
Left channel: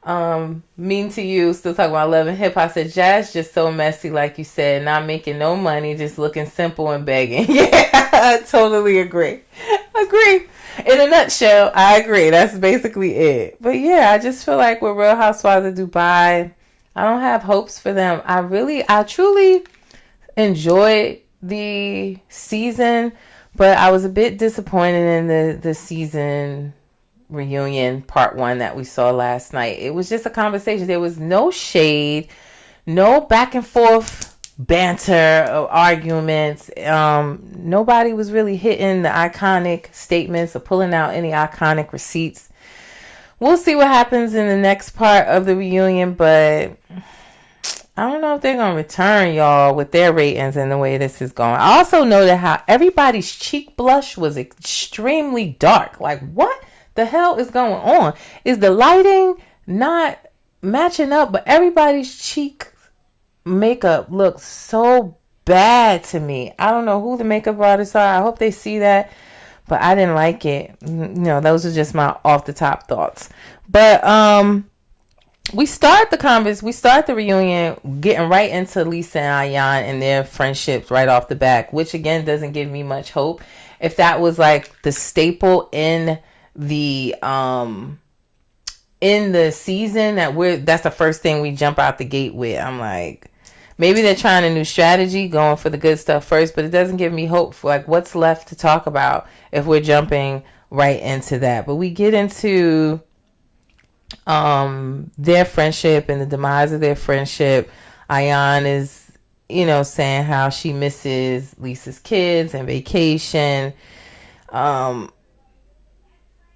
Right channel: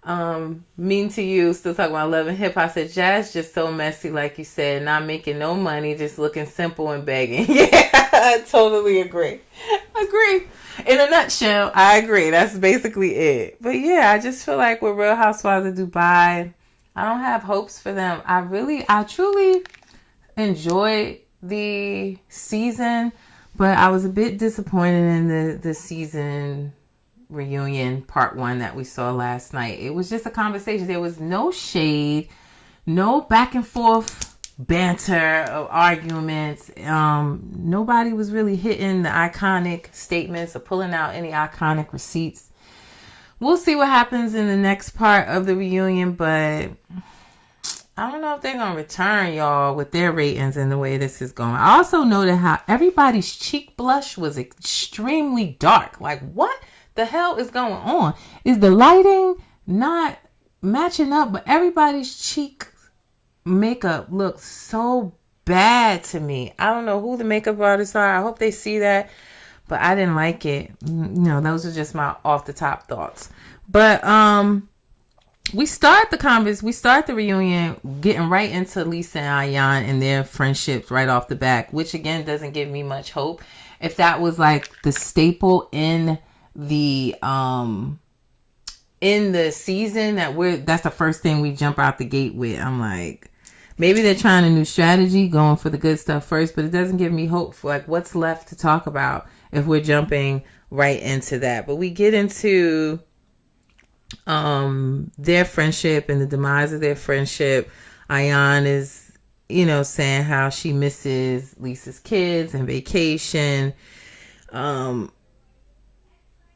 Mean to You still talking about Love and Hip Hop. Said Jazz just so messy, like you said, not making no money, just looking simple and begging. Yeah, I totally agree. In a nutshell, I agree. That's basically it. But yeah, I just feel like with Real Housewives of Dubai, I don't have hopes for them. I truly enjoyed the season, but I was a bit disappointed in the season reunion part 1 that we saw last night. It was just a conversation. There was no shade, no back and forth banter or arguments. Nobody was really hitting the iconic statements or pulling out any iconic receipts. We'll see what happens in the next part of the reunion, but I don't know if they're gonna return, y'all, with their ratings and the way this is going. I also noted how everybody's cheek blush was extremely dark. Like, what the hell is going on? Is the lighting not matching up? But everybody's cheek makeup looks so bad to me. I don't know who the makeup artists are. I hope they see that, but I didn't like it. Those are just my off the top thoughts. But we start the reunion getting right into Lisa and Ayan and their friendships right off the back, which again doesn't give me much hope. If that was like the staple in the season, that's the first thing we jump out the gate with, I'm like, maybe they're trying a new strategy, going for the good stuff first, but it doesn't give me hope for like what's left to talk about if we're jumping right into that. But we get into their friendship and the demise of their friendship. Ayan is, saying how she misses Lisa's kids and vacation. And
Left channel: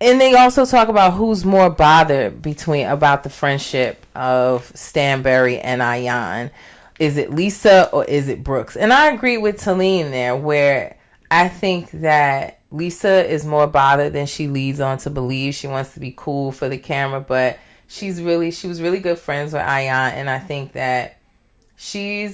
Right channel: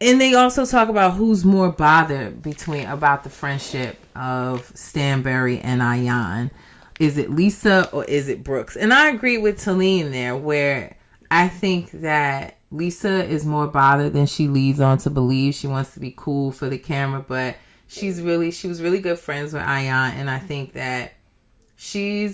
they also talk about who's more bothered about the friendship of Stanberry and Ayan. Is it Lisa or is it Brooks? And I agree with Talene there, where I think that Lisa is more bothered than she leads on to believe. She wants to be cool for the camera, but she was really good friends with Ayan, and I think that she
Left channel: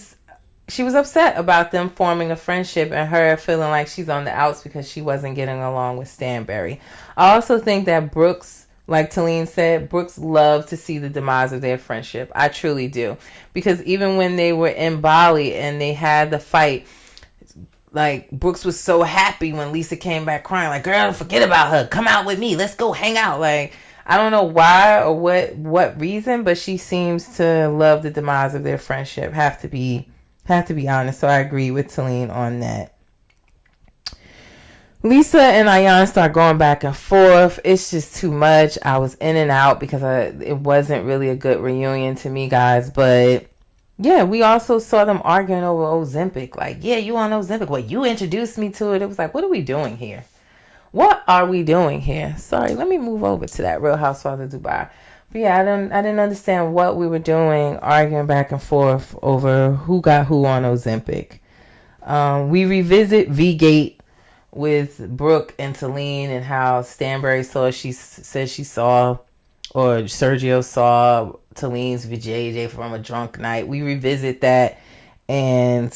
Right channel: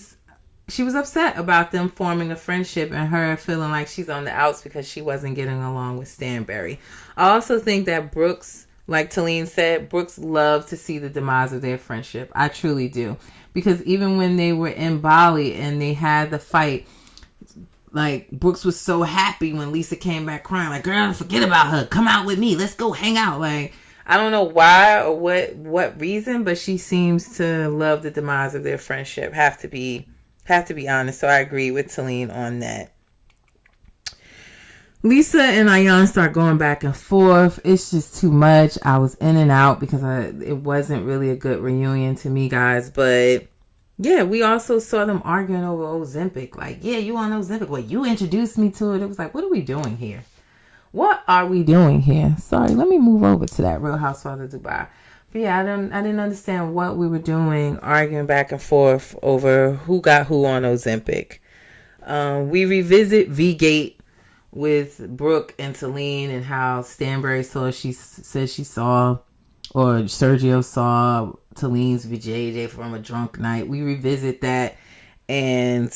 was upset about them forming a friendship and her feeling like she's on the outs because she wasn't getting along with Stanberry. I also think that Brooks, like Talene said, Brooks loved to see the demise of their friendship. I truly do. Because even when they were in Bali and they had the fight, like, Brooks was so happy when Lisa came back crying, like, girl, forget about her. Come out with me. Let's go hang out. Like, I don't know why or what reason, but she seems to love the demise of their friendship. Have to be honest. So I agree with Talene on that. Lisa and Ayan start going back and forth. It's just too much. I was in and out because it wasn't really a good reunion to me, guys. But yeah, we also saw them arguing over Ozempic. Like, yeah, you on Ozempic? Well, you introduced me to it. It was like, what are we doing here? What are we doing here? Sorry, let me move over to that Real Housewives of Dubai. But yeah, I didn't understand what we were doing, arguing back and forth over who got who on Ozempic. We revisit V-Gate with Brooke and Talene and how Stanbury said she saw, or Sergio saw Talene's vajayjay from a drunk night. We revisit that, and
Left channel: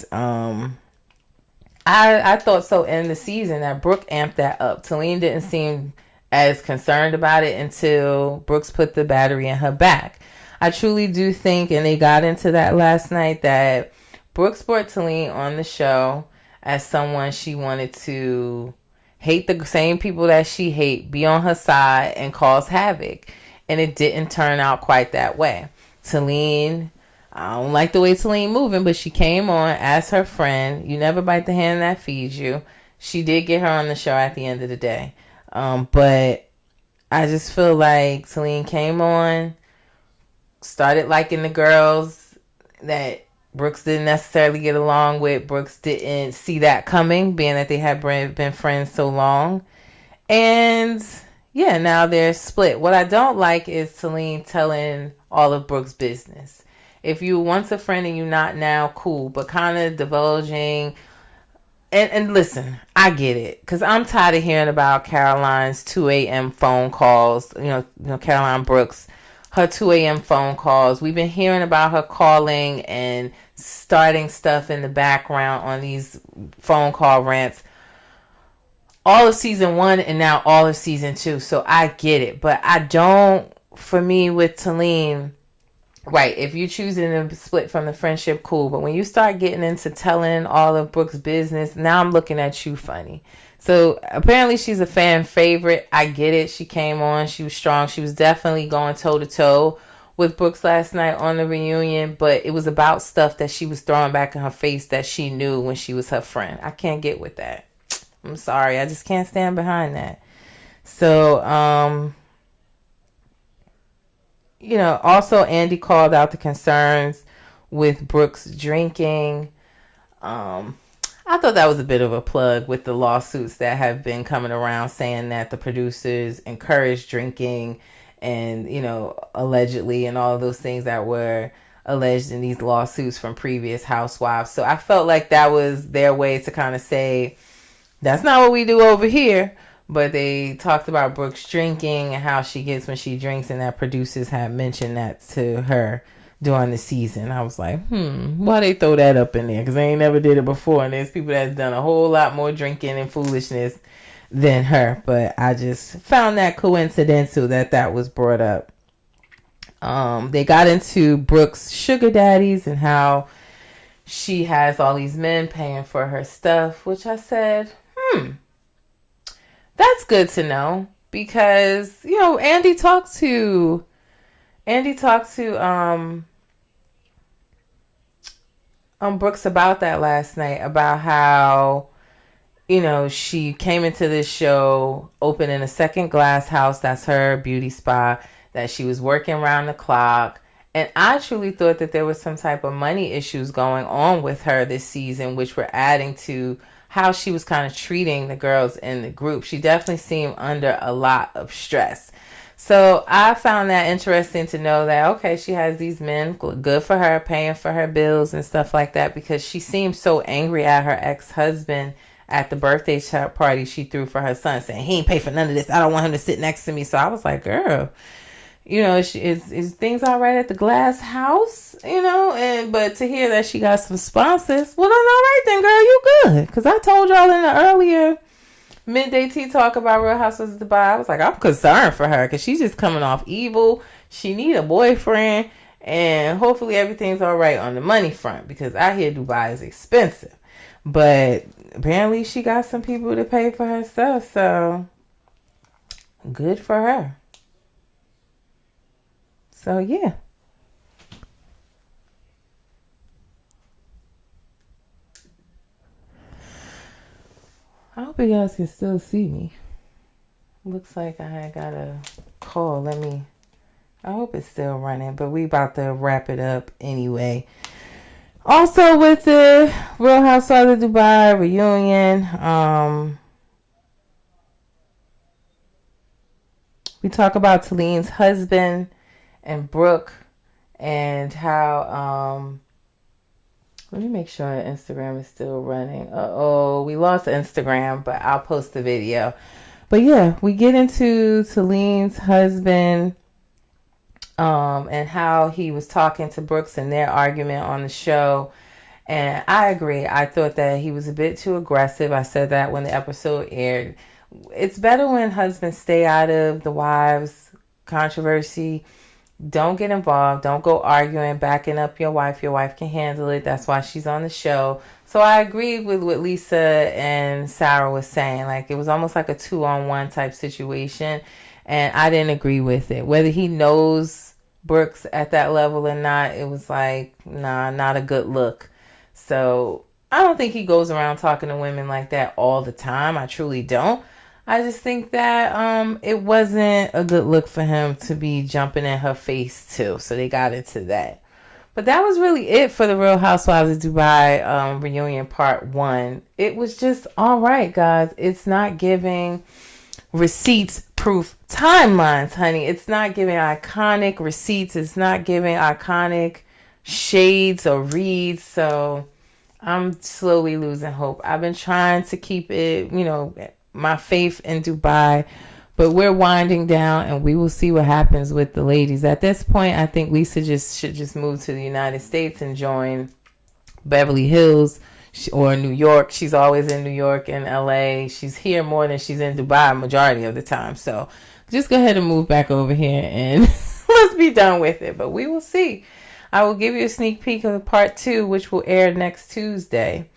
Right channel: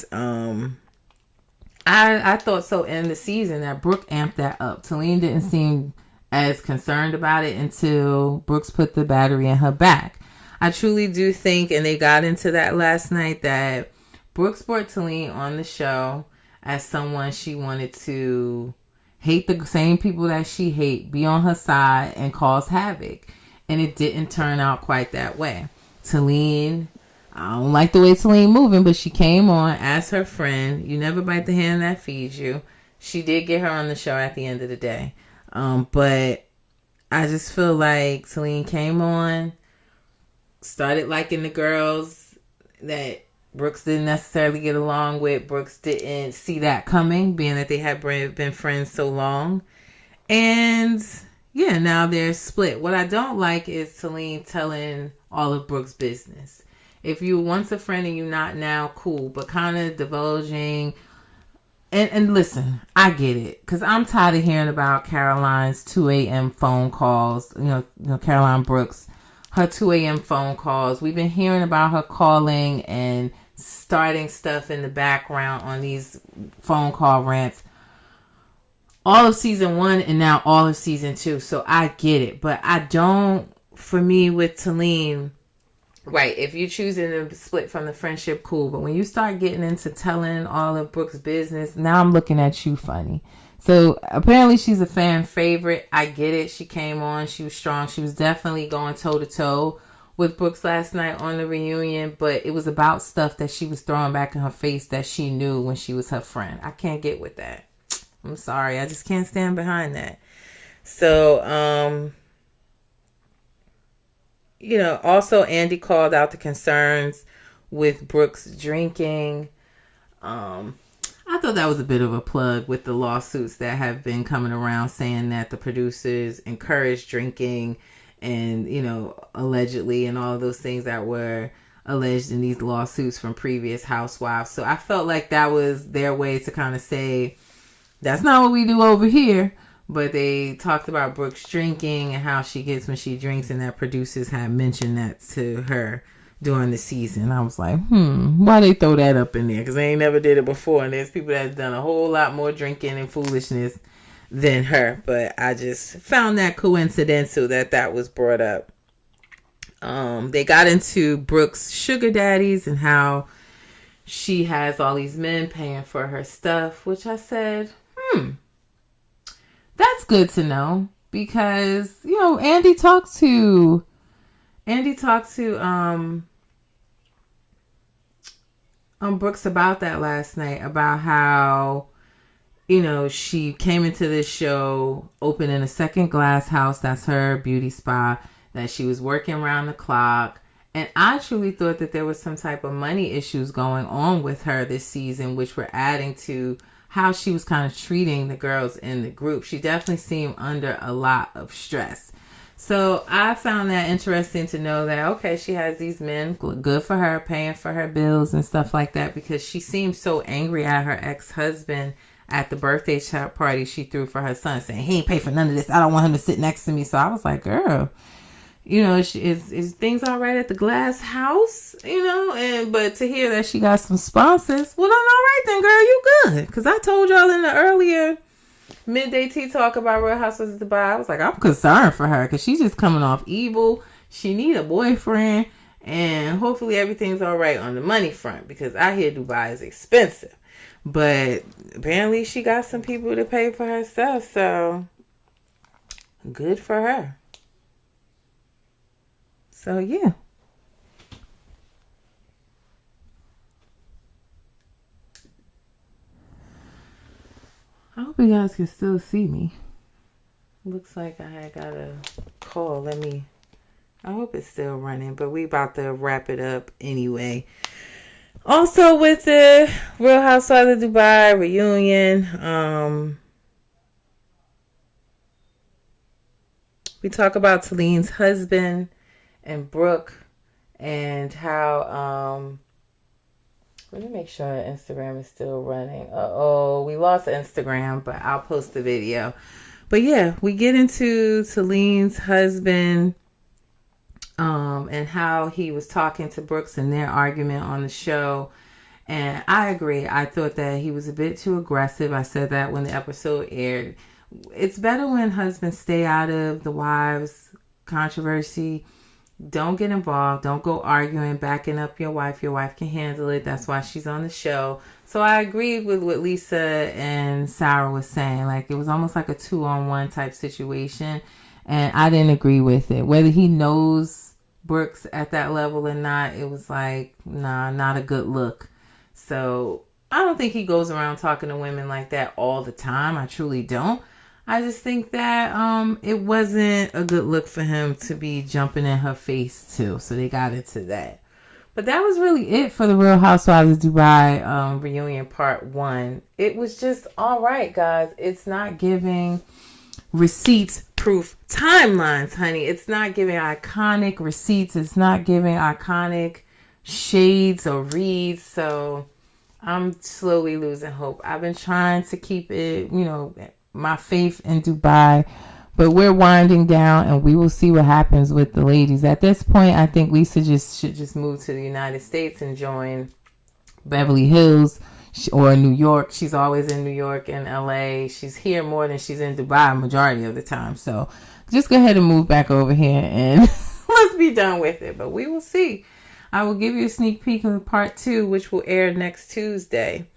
I thought so in the season that Brooke amped that up. Talene didn't seem as concerned about it until Brooks put the battery in her back. I truly do think, and they got into that last night, that Brooks brought Talene on the show as someone she wanted to hate the same people that she hate, be on her side, and cause havoc. And it didn't turn out quite that way. Talene, I don't like the way Talene moving, but she came on as her friend. You never bite the hand that feeds you. She did get her on the show at the end of the day. But I just feel like Talene came on, started liking the girls that Brooks didn't necessarily get along with. Brooks didn't see that coming, being that they had been friends so long. And yeah, now they're split. What I don't like is Talene telling all of Brooks' business. If you once a friend and you're not now, cool. But kind of divulging. And listen, I get it. Because I'm tired of hearing about Caroline's 2 a.m. phone calls. You know, Caroline Brooks, her 2 a.m. phone calls. We've been hearing about her calling and starting stuff in the background on these phone call rants all of season 1 and now all of season 2. So I get it. But I don't, for me with Talene, right, if you're choosing to split from the friendship, cool. But when you start getting into telling all of Brooke's business, now I'm looking at you funny. So apparently she's a fan favorite. I get it. She came on. She was strong. She was definitely going toe-to-toe with Brooks last night on the reunion. But it was about stuff that she was throwing back in her face that she knew when she was her friend. I can't get with that. I'm sorry. I just can't stand behind that. So, you know, also Andy called out the concerns with Brooks drinking. I thought that was a bit of a plug with the lawsuits that have been coming around saying that the producers encouraged drinking and, you know, allegedly, and all of those things that were alleged in these lawsuits from previous housewives. So I felt like that was their way to kind of say, that's not what we do over here. But they talked about Brooks drinking and how she gets when she drinks, and that producers had mentioned that to her during the season. I was like, why they throw that up in there? Because they ain't never did it before. And there's people that's done a whole lot more drinking and foolishness than her. But I just found that coincidental that was brought up. They got into Brooks' sugar daddies and how she has all these men paying for her stuff, which I said, that's good to know, because, you know, Andy talked to Brooks about that last night, about how, you know, she came into this show opening a second glass house, that's her beauty spa, that she was working around the clock. And I truly thought that there was some type of money issues going on with her this season, which were adding to how she was kind of treating the girls in the group. She definitely seemed under a lot of stress. So I found that interesting to know that, okay, she has these men, good for her, paying for her bills and stuff like that, because she seemed so angry at her ex-husband at the birthday party she threw for her son, saying, he ain't pay for none of this. I don't want him to sit next to me. So I was like, girl, you know, is things all right at the glass house, you know? But to hear that she got some sponsors, well, then all right then, girl, you good. Because I told y'all in the earlier midday tea talk about Real Housewives of Dubai, I was like, I'm concerned for her because she's just coming off evil. She need a boyfriend, and hopefully everything's all right on the money front, because I hear Dubai is expensive. But apparently she got some people to pay for her stuff, so good for her. So, yeah. I hope you guys can still see me. Looks like I got a call. I hope it's still running, but we about to wrap it up anyway. Also with the Real Housewives of Dubai reunion, we talk about Talene's husband and Brooke and how, let me make sure Instagram is still running. We lost Instagram, but I'll post the video. But yeah, we get into Talene's husband and how he was talking to Brooks in their argument on the show. And I agree. I thought that he was a bit too aggressive. I said that when the episode aired. It's better when husbands stay out of the wives' controversy. Don't get involved. Don't go arguing, backing up your wife. Your wife can handle it. That's why she's on the show. So I agree with what Lisa and Sarah was saying. Like, it was almost like a 2-on-1 type situation. And I didn't agree with it. Whether he knows Brooks at that level or not, it was like, nah, not a good look. So I don't think he goes around talking to women like that all the time. I truly don't. I just think that it wasn't a good look for him to be jumping in her face too. So they got into that. But that was really it for the Real Housewives of Dubai reunion part 1. It was just all right, guys. It's not giving receipts proof timelines, honey. It's not giving iconic receipts. It's not giving iconic shades or reads. So I'm slowly losing hope. I've been trying to keep it, my faith in Dubai, but we're winding down and we will see what happens with the ladies. At this point, I think Lisa should just move to the United States and join Beverly Hills or New York. She's always in New York and LA. She's here more than she's in Dubai majority of the time. So just go ahead and move back over here and let's be done with it. But we will see. I will give you a sneak peek of part 2, which will air next Tuesday.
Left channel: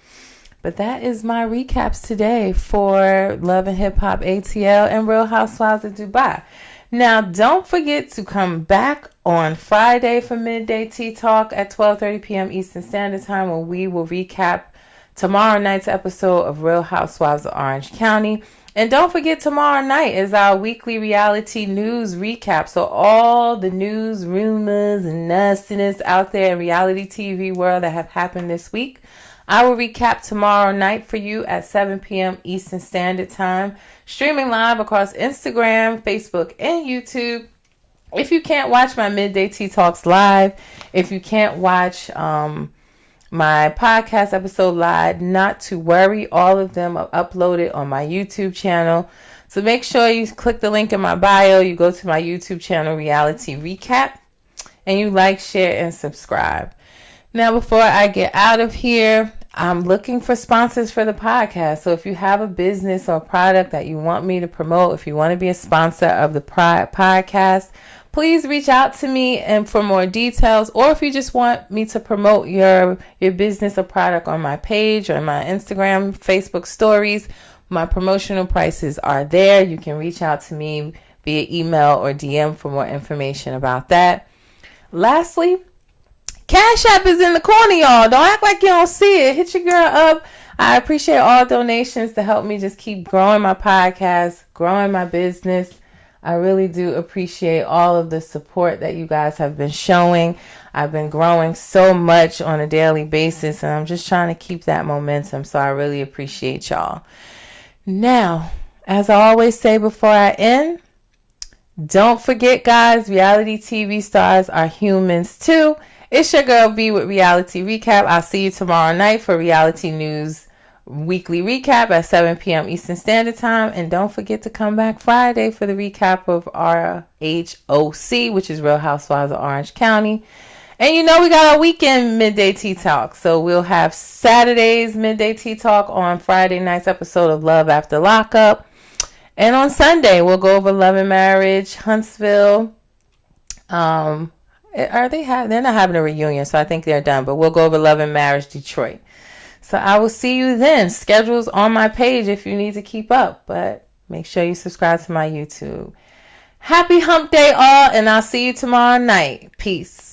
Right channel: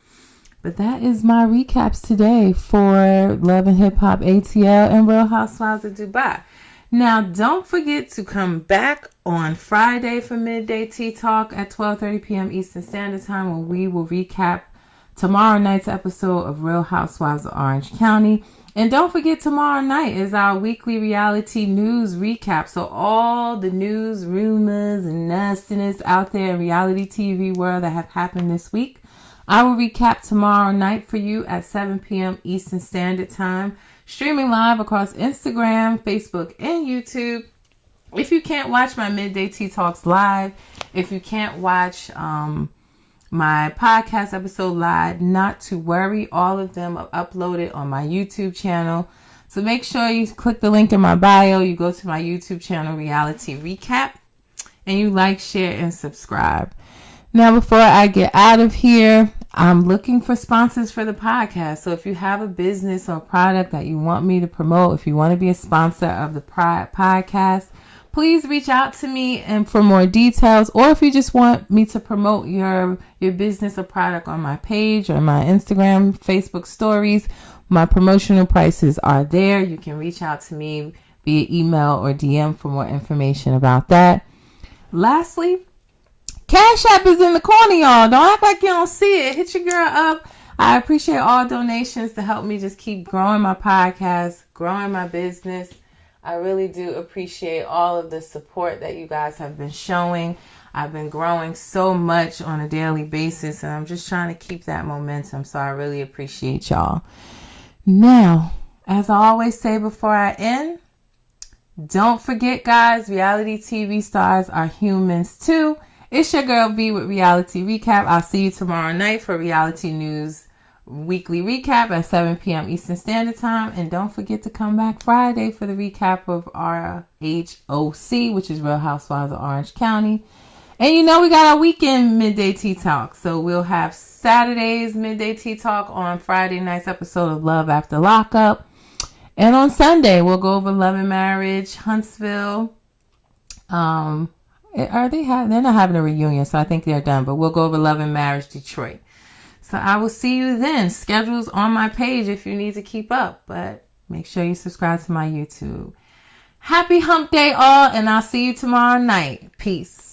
But that is my recaps today for Love and Hip Hop ATL and Real Housewives of Dubai. Now, don't forget to come back on Friday for Midday Tea Talk at 12:30 p.m. Eastern Standard Time, where we will recap tomorrow night's episode of Real Housewives of Orange County. And don't forget, tomorrow night is our weekly reality news recap. So all the news, rumors, and nastiness out there in reality TV world that have happened this week, I will recap tomorrow night for you at 7 p.m. Eastern Standard Time, streaming live across Instagram, Facebook, and YouTube. If you can't watch my Midday Tea Talks live, if you can't watch my podcast episode live, not to worry, all of them are uploaded on my YouTube channel. So make sure you click the link in my bio, you go to my YouTube channel, Reality Recap, and you like, share, and subscribe. Now, before I get out of here, I'm looking for sponsors for the podcast. So if you have a business or product that you want me to promote, if you want to be a sponsor of the podcast, please reach out to me and for more details. Or if you just want me to promote your business or product on my page or my Instagram, Facebook stories, my promotional prices are there. You can reach out to me via email or DM for more information about that. Lastly, Cash App is in the corner, y'all. Don't act like you don't see it. Hit your girl up. I appreciate all donations to help me just keep growing my podcast, growing my business. I really do appreciate all of the support that you guys have been showing. I've been growing so much on a daily basis, and I'm just trying to keep that momentum. So I really appreciate y'all. Now, as I always say before I end, don't forget, guys, reality TV stars are humans too. It's your girl B with Reality Recap. I'll see you tomorrow night for Reality News Weekly Recap at 7 p.m. Eastern Standard Time. And don't forget to come back Friday for the recap of RHOC, which is Real Housewives of Orange County. And we got our weekend Midday Tea Talk. So we'll have Saturday's Midday Tea Talk on Friday night's episode of Love After Lockup. And on Sunday, we'll go over Love and Marriage, Huntsville. They're not having a reunion, so I think they're done. But we'll go over Love and Marriage, Detroit. So I will see you then. Schedule's on my page if you need to keep up. But make sure you subscribe to my YouTube. Happy hump day all, and I'll see you tomorrow night. Peace.